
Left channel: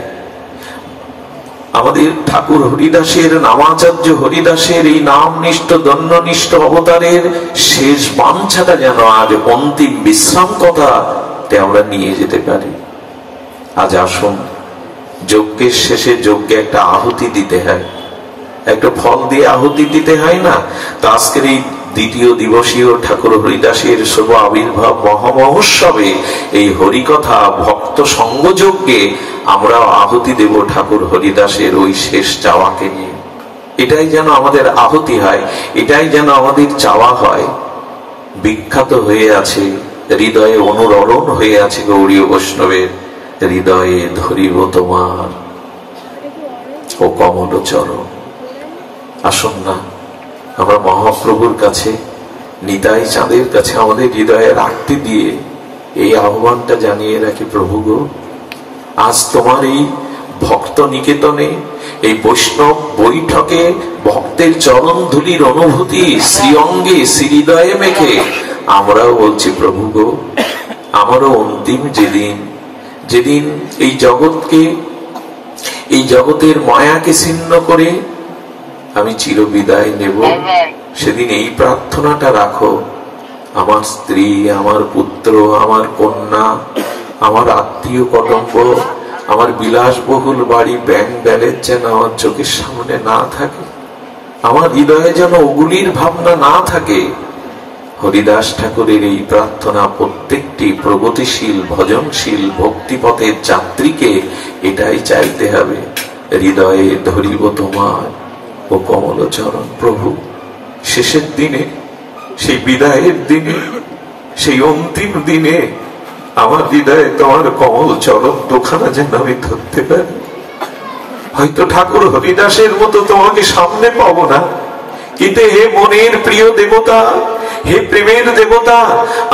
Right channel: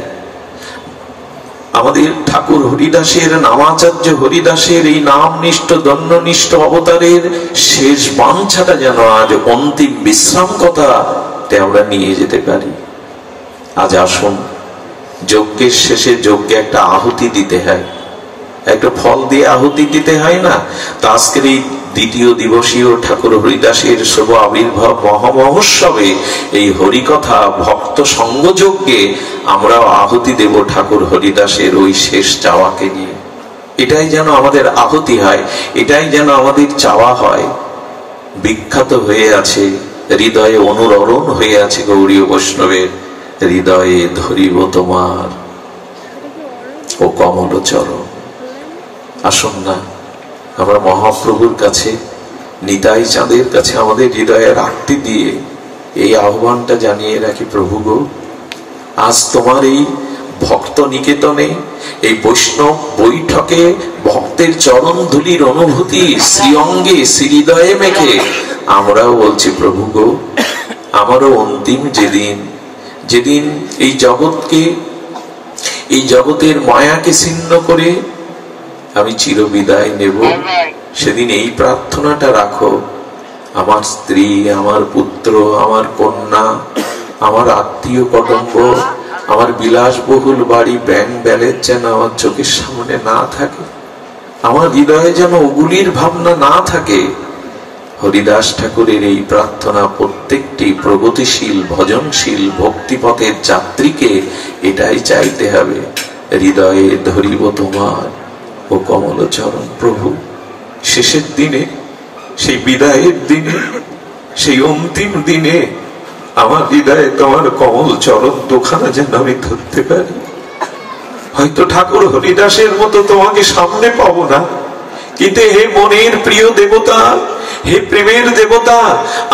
আমাদের ঠাকুর হরিদাসের, নামাচার্য হরিদাসের এই নামনিষ্ঠ দণ্ডনিষ্ঠ অবতারের শেষ বাঞ্ছাটা যেন আজ অন্তিম বিশ্রাম কথাতে আমরা নিয়ে যেতে পারি। আজ আসুন, যজ্ঞের শেষে যজ্ঞে একটা আহুতি দিতে হয়, একটা ফল দিয়ে আহুতি দিতে হয় না? তা আজকের এই দ্বিতীয় দিবসীয় ঠাকুর হরিদাসের শুভ আবির্ভাব মহামহোৎসবে এই হরিকথা ভক্ত সঙ্গযজ্ঞে আমরা আহুতি দেব ঠাকুর হরিদাসের ওই শেষ চাওয়াকে নিয়ে। এটাই যেন আমাদের আহুতি হয়, এটাই যেন আমাদের চাওয়া হয়। বিখ্যাত হয়ে আছে, হৃদয়ে অনুরণন হয়ে আছে গৌড়ীয় বৈষ্ণবের, হৃদয়ে ধরিব তোমার ও কমল চরণ। আসুন না আমরা মহাপ্রভুর কাছে, নিতাই চাঁদের কাছে আমাদের হৃদয়ে রাখতে দিয়ে এই আহ্বানটা জানিয়ে রাখি, প্রভু গো, আজ তোমার এই ভক্ত নিকেতনে, এই বৈষ্ণব বৈঠকে ভক্তের চরণ ধুলির অনুভূতি শ্রীঅঙ্গে শ্রীহৃদয়ে মেখে আমরাও বলছি, প্রভু গো, আমারও অন্তিম যেদিন এই জগৎকে, এই জগতের মায়াকে ছিন্ন করে আমি চিরবিদায় নেব, সেদিন এই প্রার্থনাটা রাখো, আমার স্ত্রী, আমার পুত্র, আমার কন্যা, আমার আত্মীয় কুটুম্ব, আমার বিলাসবহুল বাড়ি, ব্যাংক ব্যালেন্স যেন আমার চোখের সামনে না থাকে, আমার হৃদয়ে যেন ওগুলির ভাবনা না থাকে। হরিদাস ঠাকুরের এই প্রার্থনা প্রত্যেকটি প্রগতিশীল ভজনশীল ভক্তিপথের যাত্রীকে এটাই চাইতে হবে, হৃদয়ে ধরিব তোমার ও কমল চরণ। প্রভু, শেষের দিনে, সেই বিদায়ের দিনে, সেই অন্তিম দিনে আমার হৃদয়ে তোমার কমল চরণ দুখানা যেন আমি ধরতে পারি। হয়তো ঠাকুর হরিদাসের মতো তোমাকে সামনে পাবো না, কিন্তু হে মনের প্রিয় দেবতা, হে প্রেমের দেবতা,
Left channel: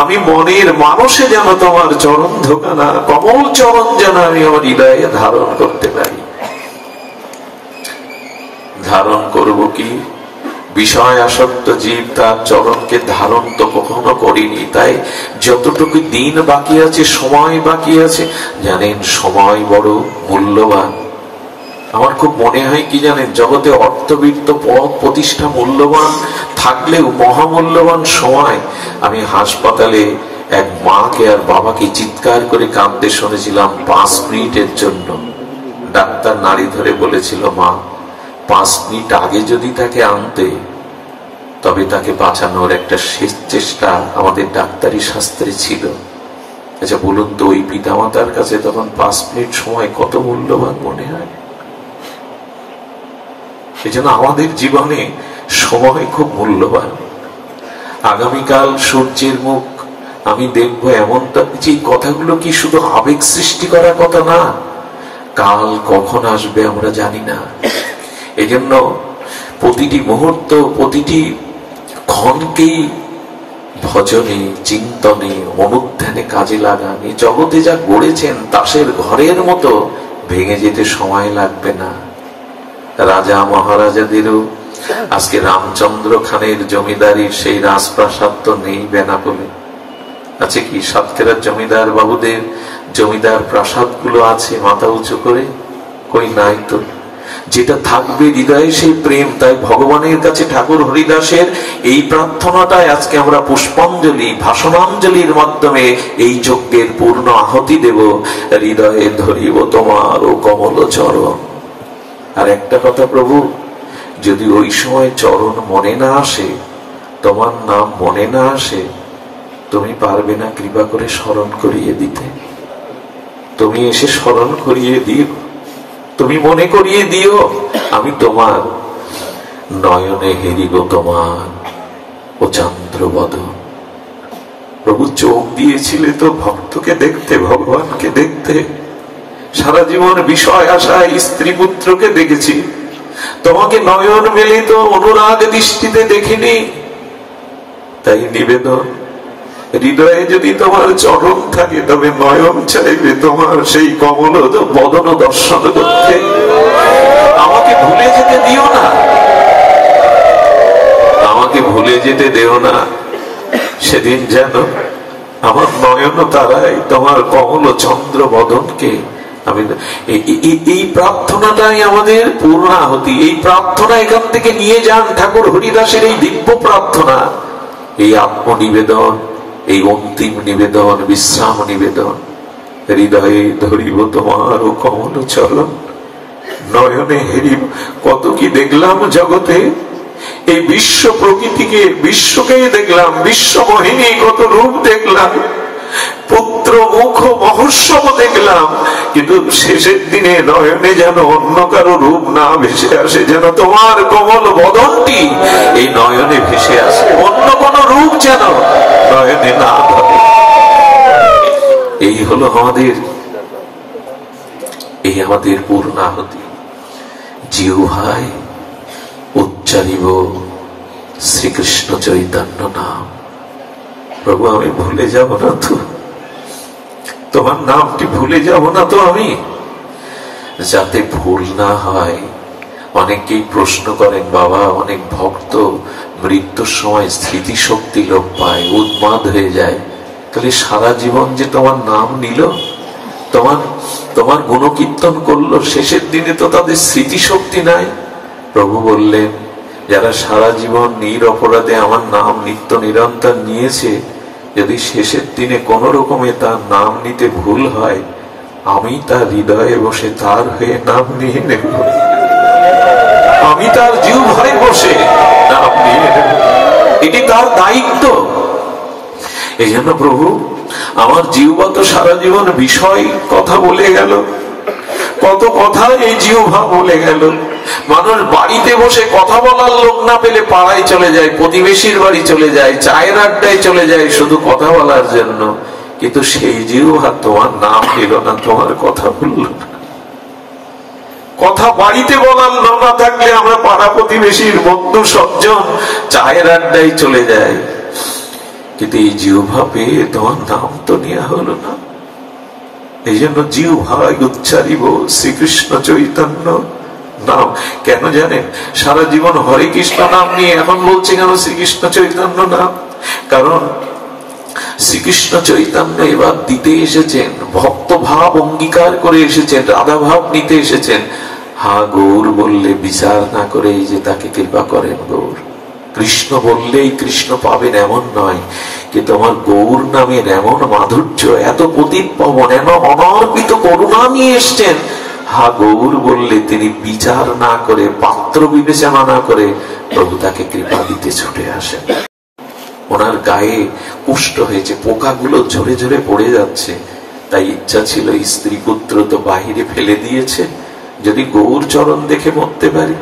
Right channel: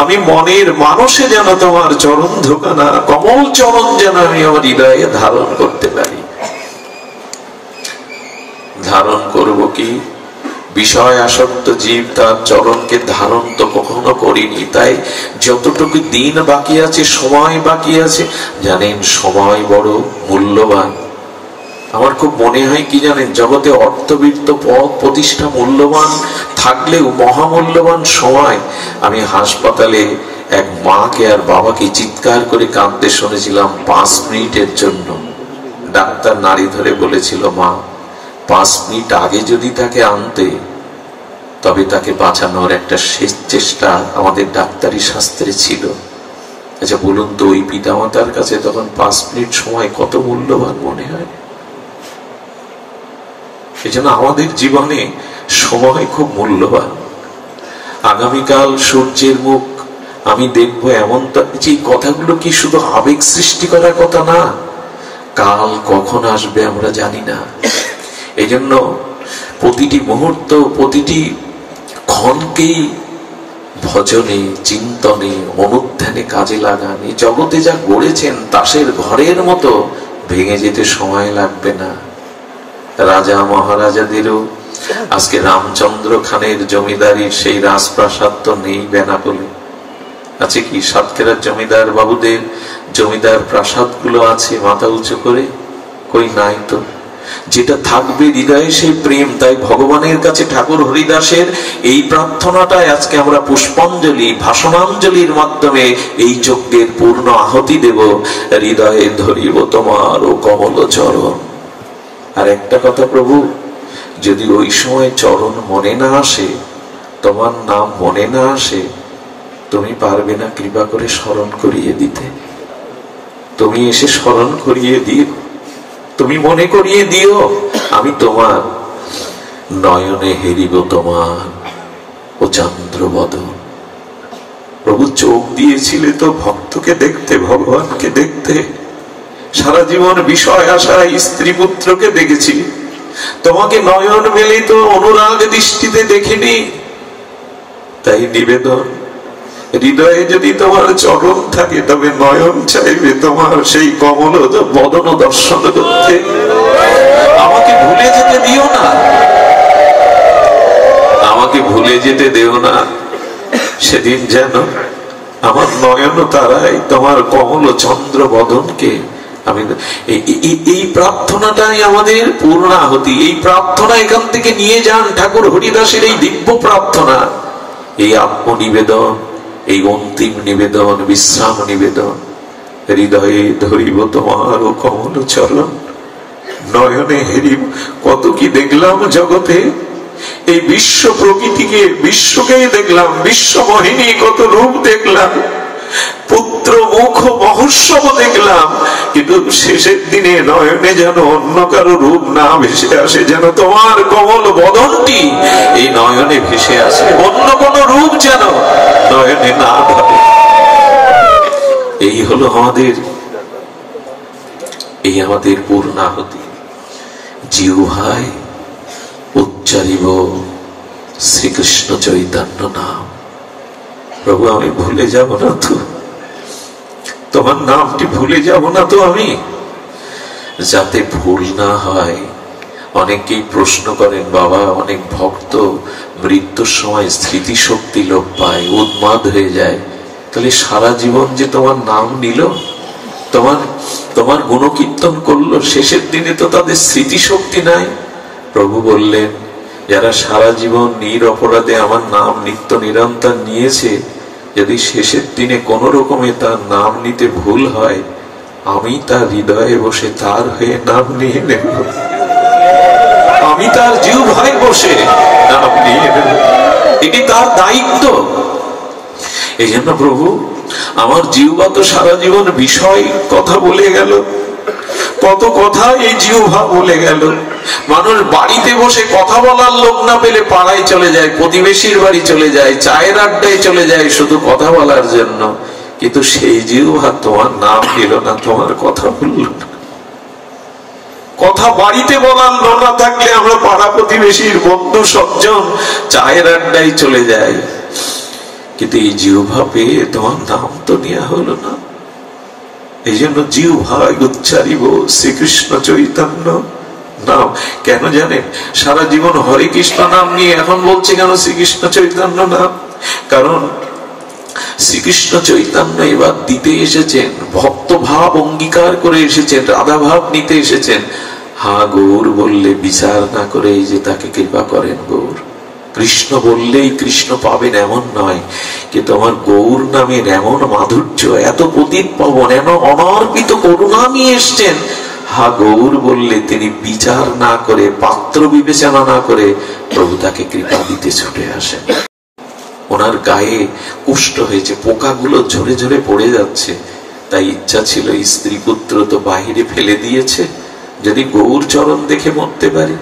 আমি মনের মানুষে যেন তোমার চরণ ধোকানা, কমল চরণ যেন আমি আমার হৃদয়ে ধারণ করতে পারি। ধারণ করব কি? বিষয় আসক্ত জীব তার চরণকে ধারণ তো কখনো করিনি। তাই যতটুকু দিন বাকি আছে, সময় বাকি আছে, জানেন সময় বড় মূল্যবান। আমার খুব মনে হয় কি জানেন, জগতে অর্থবিত্ত পদ প্রতিষ্ঠা মূল্যবান থাকলেও মহামূল্যবান সময়। আমি হাসপাতালে এক মাকে আর বাবাকে চিৎকার করে কাঁদতে শুনেছিলাম 5 মিনিটের জন্য। ডাক্তার নাড়ি ধরে বলেছিল, মা 5 মিনিট আগে যদি তাকে আনতে, তবে তাকে বাঁচানোর একটা শেষ চেষ্টা আমাদের ডাক্তারি শাস্ত্রে ছিল। আচ্ছা বলুন তো, ওই পিতামাতার কাছে তখন 5 মিনিট সময় কত মূল্যবান মনে হয়? এজন্য আমাদের জীবনে সময় খুব মূল্যবান। আগামীকাল সূর্যের মুখ আমি দেখবো, এমন তো যে কথাগুলো কি শুধু আবেগ সৃষ্টি করার কথা না, কাল কখন আসবে আমরা জানি না। এই জন্য প্রতিটি মুহূর্ত, প্রতিটি ক্ষণকেই ভজনে, চিন্তনে, অনুধ্যানে কাজে লাগান। এই জগতে যা গড়েছেন তাসের ঘরের মতো ভেঙে যেতে সময় লাগবে না। রাজা মহারাজাদেরও আজকে রামচন্দ্র খানের জমিদারির সেই রাজপ্রাসাদ তো নেই বেনাপোলে। আছে কি? সাতক্ষীরার জমিদার বাবুদের জমিদার প্রাসাদ গুলো আছে মাথা উঁচু করে? কই নাই তো। যেটা থাকবে হৃদয়ে সেই প্রেম। তাই ভগবানের কাছে ঠাকুর হরিদাসের এই প্রার্থনাটাই আজকে আমরা পুষ্পাঞ্জলি, ভাষণাঞ্জলির মাধ্যমে এই যজ্ঞের পূর্ণ আহুতি দেব, হৃদয়ে ধরিব তোমার ও কমল চরণ। আর একটা কথা প্রভু, যদি ওই সময় চরণ মনে না আসে, তোমার নাম মনে না আসে, তুমি পারবে না কৃপা করে স্মরণ করিয়ে দিতে? তুমি এসে স্মরণ করিয়ে দিও, তুমি মনে করিয়ে দিও, আমি তোমার নয়নে হেরিব তোমার ও চন্দ্রবদন। প্রভু চোখ দিয়েছিলে তো ভক্তকে দেখতে, ভগবানকে দেখতে। সারা জীবন বিষয় আশায় স্ত্রী পুত্রকে দেখেছি, তোমাকে নয়ন মেলে তো অনুরাগ দৃষ্টিতে দেখিনি। তাই নিবেদন, হৃদয়ে যদি তোমার চরণ থাকে, তবে নয়ন চাইবে তোমার সেই কমল বদন দর্শন করতে। আমাকে ভুলে যেতে দিও না, আমাকে ভুলে যেতে দেও না। সেদিন যেন আমার নয়ন তারাই তোমার কমল চন্দ্র বদনকে আমি, এই প্রার্থনাটাই আমাদের পূর্ণ আহুতি। এই প্রার্থনা এখান থেকে নিয়ে যান ঠাকুর হরিদাসের এই দিব্য প্রার্থনা, এই আত্মনিবেদন, এই অন্তিম নিবেদন, বিশ্রাম নিবেদন। হৃদয়ে ধরিব তোমার ও কমল চরণ, নয়নে হেরিব। কত কি দেখলাম জগতে, এই বিশ্ব প্রকৃতিকে, বিশ্বকেই দেখলাম, বিশ্ব মোহিনী কত রূপ দেখলাম, পুত্র মুখ মহোৎসব দেখলাম, কিন্তু শেষের দিনে নয়নে যেন অন্য কারো রূপ না ভেসে আসে, যেন তোমার কমল বদনটি এই নয়নে ভেসে আসে, অন্য কোন রূপ যেন নয়নে না ধরে। এই হলো আমাদের পূর্ণাহুতি। জিহ্বায় উচ্চারিব শ্রীকৃষ্ণ চৈতন্য নাম। প্রভু আমি ভুলে যাব না তো, তোমার নামটি ভুলে যাব না তো আমি, যাতে ভুল না হয়। অনেকেই প্রশ্ন করেন, বাবা অনেক ভক্ত মৃত্যুর সময় স্মৃতিশক্তি লোপ পায়, উন্মাদ হয়ে যায়, তাহলে সারা জীবন যে তোমার নাম নিল, তোমার গুণকীর্তন করলো, শেষের দিনে তো তাদের স্মৃতিশক্তি নাই। প্রভু বললেন, যারা সারা জীবন নিরপরাধে আমার নাম নিত্য নিরন্তর নিয়েছে, যদি শেষের দিনে কোন রকমে তার নাম নিতে ভুল হয়, আমি তার হৃদয়ে বসে তার হয়ে নাম নিয়ে নেব, আমি তার জিহ্বায় বসে নাম নিয়ে নেব, এটি তার দায়িত্ব। এই জন্য প্রভু আমার জিহ্বা তো সারা জীবন বিষয় কথা বলে গেল, কত কথা এই জিহ্বা বলে গেল। মানুষ বাড়িতে বসে কথা বলার লোক না পেলে পাড়ায় চলে যায়, প্রতিবেশীর বাড়ি চলে যায়, চায়ের আড্ডায় চলে যায় শুধু কথা বলার জন্য, কিন্তু সেই জিহ্বা তোমার নাম দিল না, তোমার কথা বলল না। কথা বাড়িতে বলার না থাকলে আমরা পাড়া প্রতিবেশীর বন্ধু সজ্জন চায়ের আড্ডায় চলে যায়, কিন্তু এই জিহ্বা পেয়ে তোমার নাম তো নেওয়া হলো না। এই জন্য জিহ্বায় উচ্চারিব শ্রীকৃষ্ণ চৈতন্য নাম। কেন জানেন? সারা জীবন হরে কৃষ্ণ নাম নিয়ে এখন বলছে কেন শ্রীকৃষ্ণ চৈতন্য নাম? কারণ শ্রীকৃষ্ণ চৈতন্য এবার দিতে এসেছেন, ভক্ত ভাব অঙ্গীকার করে এসেছেন, রাধা ভাব নিতে এসেছেন। হা গৌর বললে বিচার না করে যে তাকে কৃপা করেন গৌর। কৃষ্ণ বললেই কৃষ্ণ পাবেন এমন নয়, কিন্তু আমার গৌর নামের এমন মাধুর্য, এত পতিত পাবন, এমন অনর্পিত করুণা নিয়ে এসছেন। হা গৌর বললে তিনি বিচার না করে, পাত্র বিবেচনা না করে প্রভু তাকে কৃপা দিতে ছুটে আসেন। ওনার গায়ে কুষ্ঠ হয়েছে, পোকাগুলো ঝরে ঝরে পড়ে যাচ্ছে, তাই ইচ্ছা ছিল স্ত্রী পুত্র তো বাহিরে ফেলে দিয়েছে, যদি গৌর চরণ দেখে মরতে পারি।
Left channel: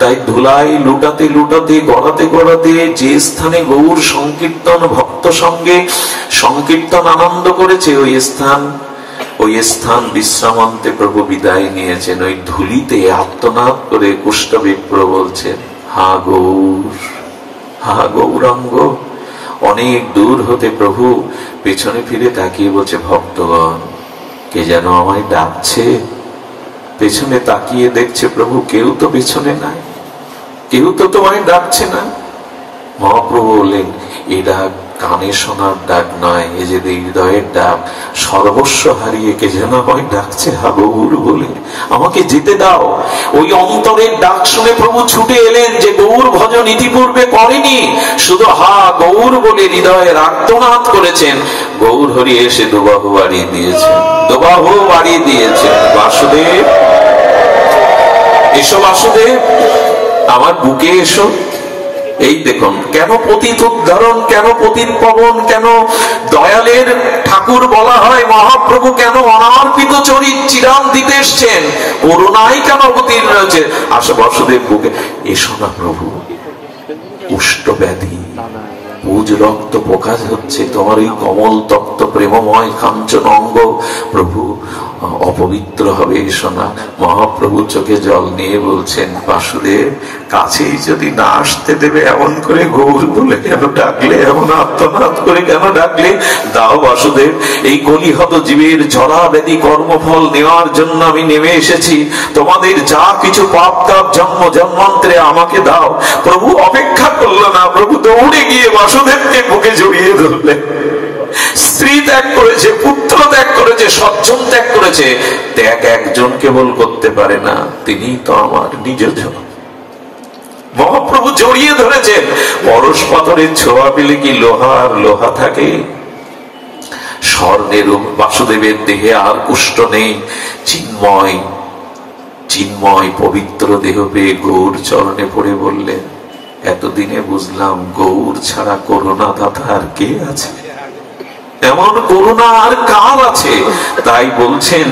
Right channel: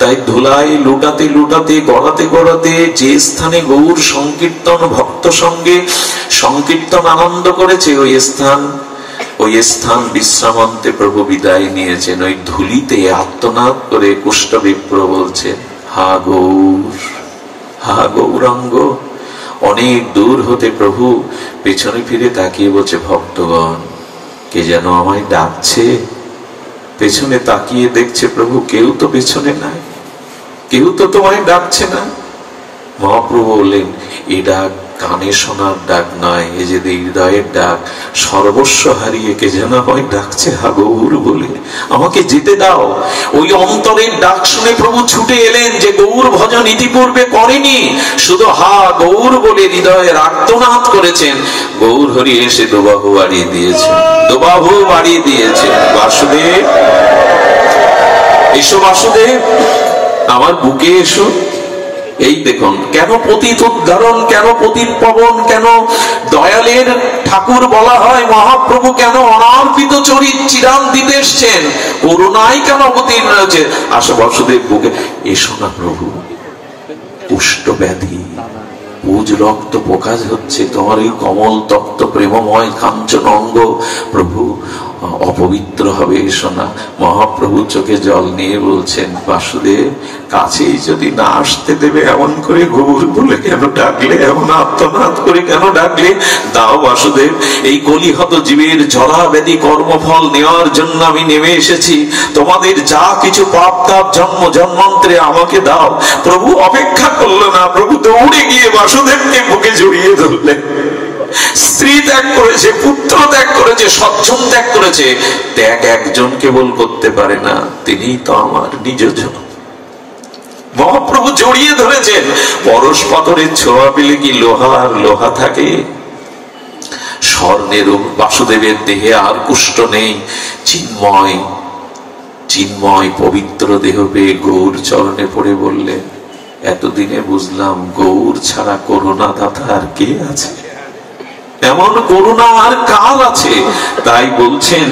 তাই ধুলাই লুটাতে লুটাতে, গড়াতে গড়াতে যে স্থানে গৌর সংকীর্তন ভক্ত সঙ্গে সংকীর্তন আনন্দ করেছে, ওই স্থান বিশ্রামান্তে প্রভু বিদায় নিয়েছেন। ওই ধুলিতে আত্মনাদ করে কুষ্ঠবিপ্র বলছেন, হা গৌর, হা গৌরাঙ্গ। অনেক দূর হতে প্রভু পেছনে ফিরে তাকিয়ে বলছে, ভক্তগণ কে যেন আমায় ডাকছে। পেছনে তাকিয়ে দেখছে প্রভু কেউ তো পেছনে নাই, কেউ তো তোমায় ডাকছে না। মহাপ্রভু বললেন, এ ডাক কানে শোনার ডাক নয়, এ যে হৃদয়ের ডাক। সর্বস্ব হারিয়ে কে যেন আমায় ডাকছে হা গৌর বলে, আমাকে যেতে দাও। ওই অন্তরের ডাক শুনে প্রভু ছুটে এলেন, যে গৌর ভজন ইতিপূর্বে করেনি, শুধু হা গৌর বলে হৃদয়ের আর্তনাদ করেছেন। গৌর হরি এসে দুবাহু বাড়িয়ে দিয়েছেন, দুবাহু বাড়িয়ে দিয়েছেন। বাসুদেব এসো, বাসুদেব আমার বুকে এসো। এই দেখুন কেন পতিত উদ্ধারণ, কেন পতিত পবন, কেন দয়ালের ঠাকুর বলা হয়। মহাপ্রভু কেন অনার্পিত চরিত চিরান দিতে এসছেন, করুণাই কেন অবতীর্ণ হয়েছে। আসো বাসুদেব বুকে এসো না প্রভু, কুষ্ঠ ব্যাধি, পুজ রক্ত প্রকাশ হচ্ছে, তোমার এই কমল তপ্ত প্রেমময় কাঞ্চন অঙ্গ প্রভু অপবিত্র হবে, এসো না। মহাপ্রভু চোখে জল নিয়ে বলছেন, বাসুদেব কাছেই যদি না আসতে দেবে, এমন করে গৌর বলে কেন ডাকলে, এমন আত্মনাদ করে কেন ডাকলে? দাও বাসুদেব, এই কলিহত জীবের জরা ব্যাধি কর্মফল নেওয়ার জন্য আমি নেমে এসেছি। তোমাদের যা কিছু পাপ তাপ জন্ম জন্মান্তরে আমাকে দাও। প্রভু অপেক্ষা করলো না, প্রভু দৌড়ে গিয়ে বাসুদেবকে বুকে জড়িয়ে ধরলেন। স্ত্রী ত্যাগ করেছে, পুত্র ত্যাগ করেছে, সজ্জন ত্যাগ করেছে। ত্যাগ একজন কেবল করতে পারে না, তিনি তো আমার নিজজন। মহাপ্রভু জড়িয়ে ধরেছেন। পরশ পাথরের ছোঁয়া পেলে কি লোহা থাকে? স্বর্ণের বাসুদেবের দেহে আর কুষ্ঠ নেই, চিন্ময় পবিত্র দেহ পেয়ে গৌর চরণে পড়ে বললেন, এতদিনে বুঝলাম গৌর ছাড়া করুণা দাতা আর কে আছে, এমন করুণা আর কার আছে। তাই বলছেন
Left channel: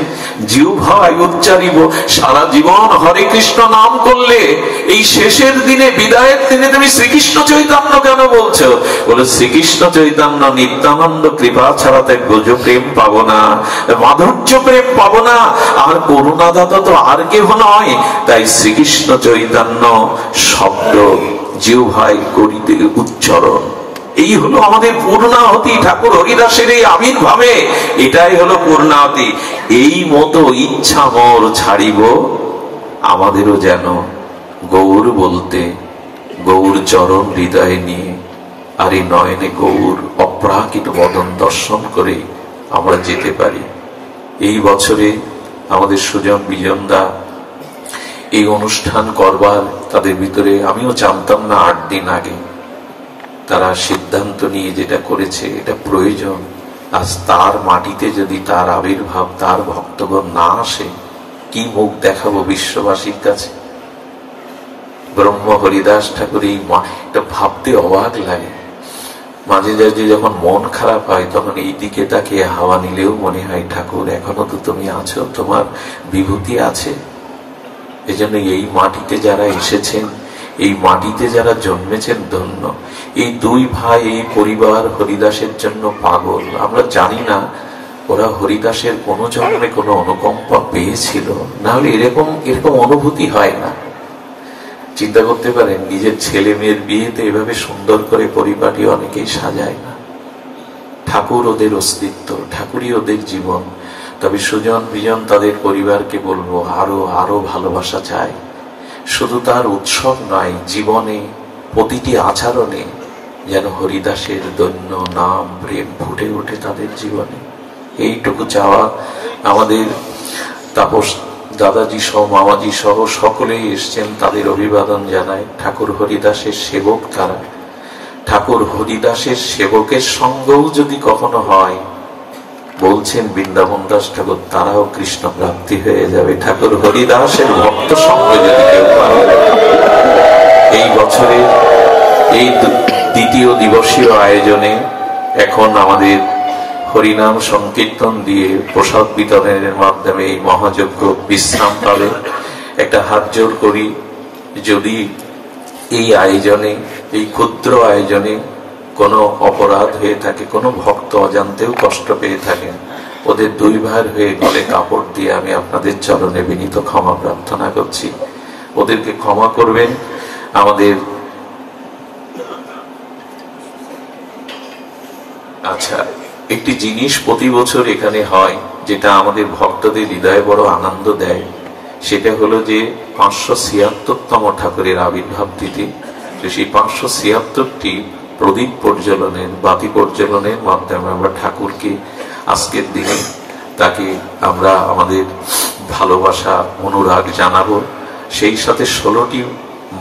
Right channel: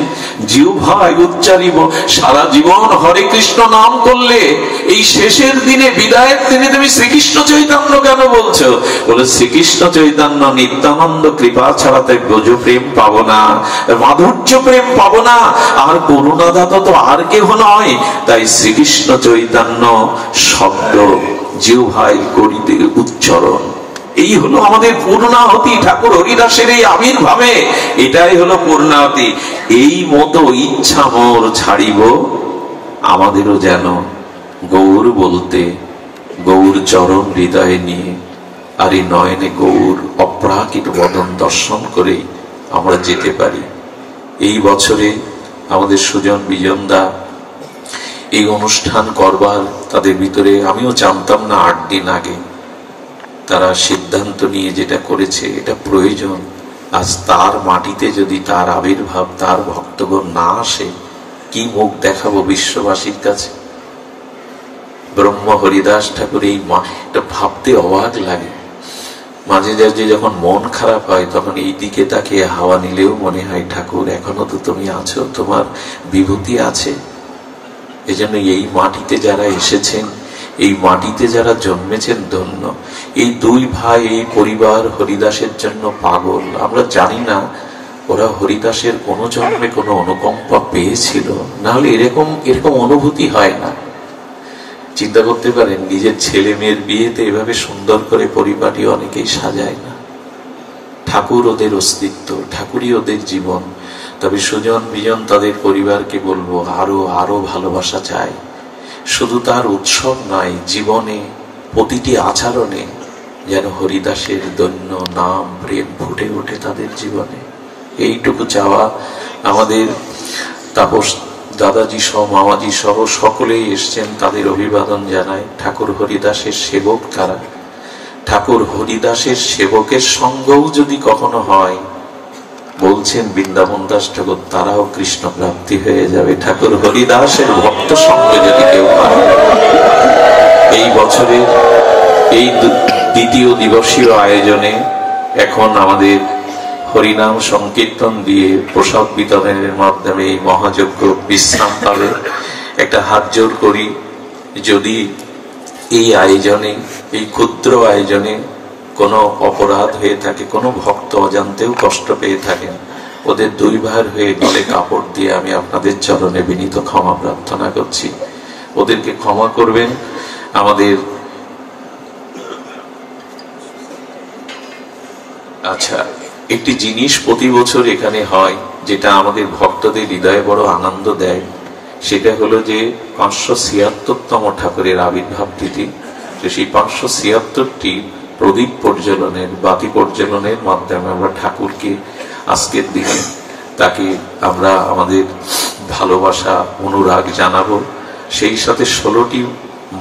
জিহ্বায় উচ্চারিব, সারা জীবন হরে কৃষ্ণ নাম করলে এই শেষের দিনে বিদায়ের দিনে তুমি শ্রীকৃষ্ণ চৈতন্য কেন বলছো? বলে শ্রীকৃষ্ণ চৈতন্য নিত্যানন্দ কৃপা ছাড়াতে ব্রজ প্রেম পাবো না, মাধুর্য প্রেম পাবো না, আর করুণা দাতা তো আর কেহ নয়। তাই শ্রীকৃষ্ণ চৈতন্য শব্দ জিহ্বায় করিতে উচ্চারণ, এই হলো আমাদের পূর্ণাহতি। ঠাকুর হরিদাসের এই আবির্ভাবে এটাই হলো পূর্ণাহতি। এই মতো ইচ্ছা মোর ছাড়িব, আমাদেরও যেন গৌর বলতে, গৌর চরণ হৃদয়ে নিয়ে আর এই নয়নে গৌর অপ্রাকৃত বদন দর্শন করে আমরা যেতে পারি। এই বছরে আমাদের সুজন বিজনদা এই অনুষ্ঠান করবার, তাদের ভিতরে আমিও জানতাম না 8 দিন আগে তারা সিদ্ধান্ত নিয়ে যেটা করেছে এটা প্রয়োজন। আজ তার মাটিতে যদি তার আবির্ভাব, তার ভক্তগণ না আসে, কি মুখ দেখাবো বিশ্ববাসীর কাছে? ব্রহ্ম হরিদাস ঠাকুর এই এটা ভাবতে অবাক লাগে। মাঝে মাঝে যখন মন খারাপ হয় তখন এই দিকে তাকে হাওয়া নিলেও মনে হয় ঠাকুর এখনো তো তুমি আছো, তোমার বিভূতি আছে। এজন্য এই মাটিতে যারা এসেছেন, এই মাটিতে যারা জন্মেছেন ধন্য। এই 2 ভাই, এই পরিবার হরিদাসের জন্য পাগল। আমরা জানি না ওরা হরিদাসের কোনো জন্মে কোনো অনুকম্পা পেয়েছিল, না হলে এরকম অনুভূতি হয় না। চিন্তা করতে পারেন, নিজের ছেলে মেয়ের বিয়েতে এভাবে সুন্দর করে পরিপাটি অনেকেই সাজায় না। ঠাকুর ওদের অস্তিত্ব, ঠাকুরই ওদের জীবন। তবে সুজন বিজন তাদের পরিবারকে বলবো আরো আরো ভালোবাসা চাই। শুধু তার উৎসব নয়, জীবনে প্রতিটি আচরণে যেন হরিদাসের দৈন্য নাম প্রেম ফুটে ওঠে তাদের জীবনে। এইটুকু চাওয়া। আমাদের তাপস দাদাজি সহ মামাজি সহ সকলেই এসছেন, তাদের অভিবাদন জানায়। ঠাকুর হরিদাসের সেবক তারা। ঠাকুর হরিদাসের সেবকের সঙ্গও যদি কখনো হয়, বলছেন বৃন্দাবন দাস ঠাকুর, তারাও কৃষ্ণ প্রাপ্তি হয়ে যাবে। ঠাকুর হরিদাসের ভক্ত সঙ্গে যদি কেউ পায়। এই বছরে এই 2য় দিবসীয় আয়োজনে এখন আমাদের হরিনাম সংকীর্তন দিয়ে প্রসাদ বিতরণের মাধ্যমে এই মহাযজ্ঞ বিশ্রাম পাবে। একটা হাত জোর করি, যদি এই আয়োজনে, এই ক্ষুদ্র আয়োজনে কোনো অপরাধ হয়ে থাকে, কোনো ভক্ত অজান্তেও কষ্ট পেয়ে থাকেন, ওদের 2 ভাইয়ের হয়ে গলে কাপড় দিয়ে আমি আপনাদের চরণে বিনীত ক্ষমা প্রার্থনা করছি। ওদেরকে ক্ষমা করবেন। আমাদের আচ্ছা, একটি জিনিস প্রতি বছর এখানে হয় যেটা আমাদের ভক্তদের হৃদয়ে বড় আনন্দ দেয়, সেটা হলো যে 576তম ঠাকুরের আবির্ভাব তিথি। সেই 576টি প্রদীপ প্রজ্বলনের, বাতি প্রজ্বলনের মাধ্যমে আমরা ঠাকুরকে আজকের দিনে তাকে আমরা আমাদের ভালোবাসা অনুরাগ জানাবো। সেই সাথে 16টি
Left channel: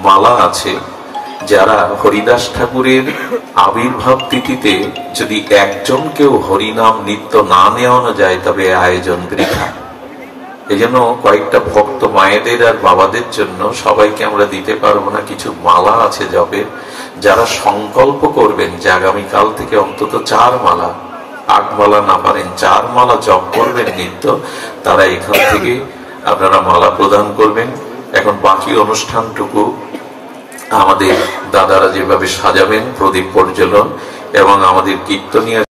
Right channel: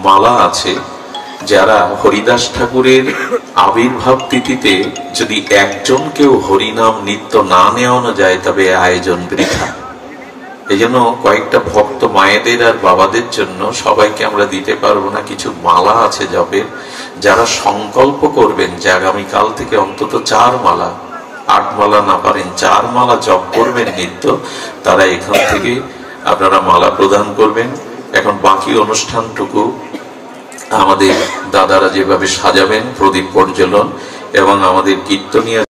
মালা আছে। যারা হরিদাস ঠাকুরের আবির্ভাব তিথিতে যদি একজনকেও হরিনাম নিত্য না নেওয়ানো যায় তবে আয়োজন বৃথা। এই জন্য কয়েকটা ভক্ত মায়েদের আর বাবাদের জন্য, সবাইকে আমরা দিতে পারবো না, কিছু মালা আছে জপের। যারা সংকল্প করবেন যে আগামীকাল থেকে অন্তত 4 মালা, 8 মালা না পারেন 4 মালা জপ করবেন নিত্য, তারা এখান থেকে আপনারা মালা প্রদান করবেন। এখন বাকি অনুষ্ঠানটুকু আমাদের দাদারা যেভাবে সাজাবেন, প্রদীপ প্রজ্বলন এবং আমাদের কীর্তনীয়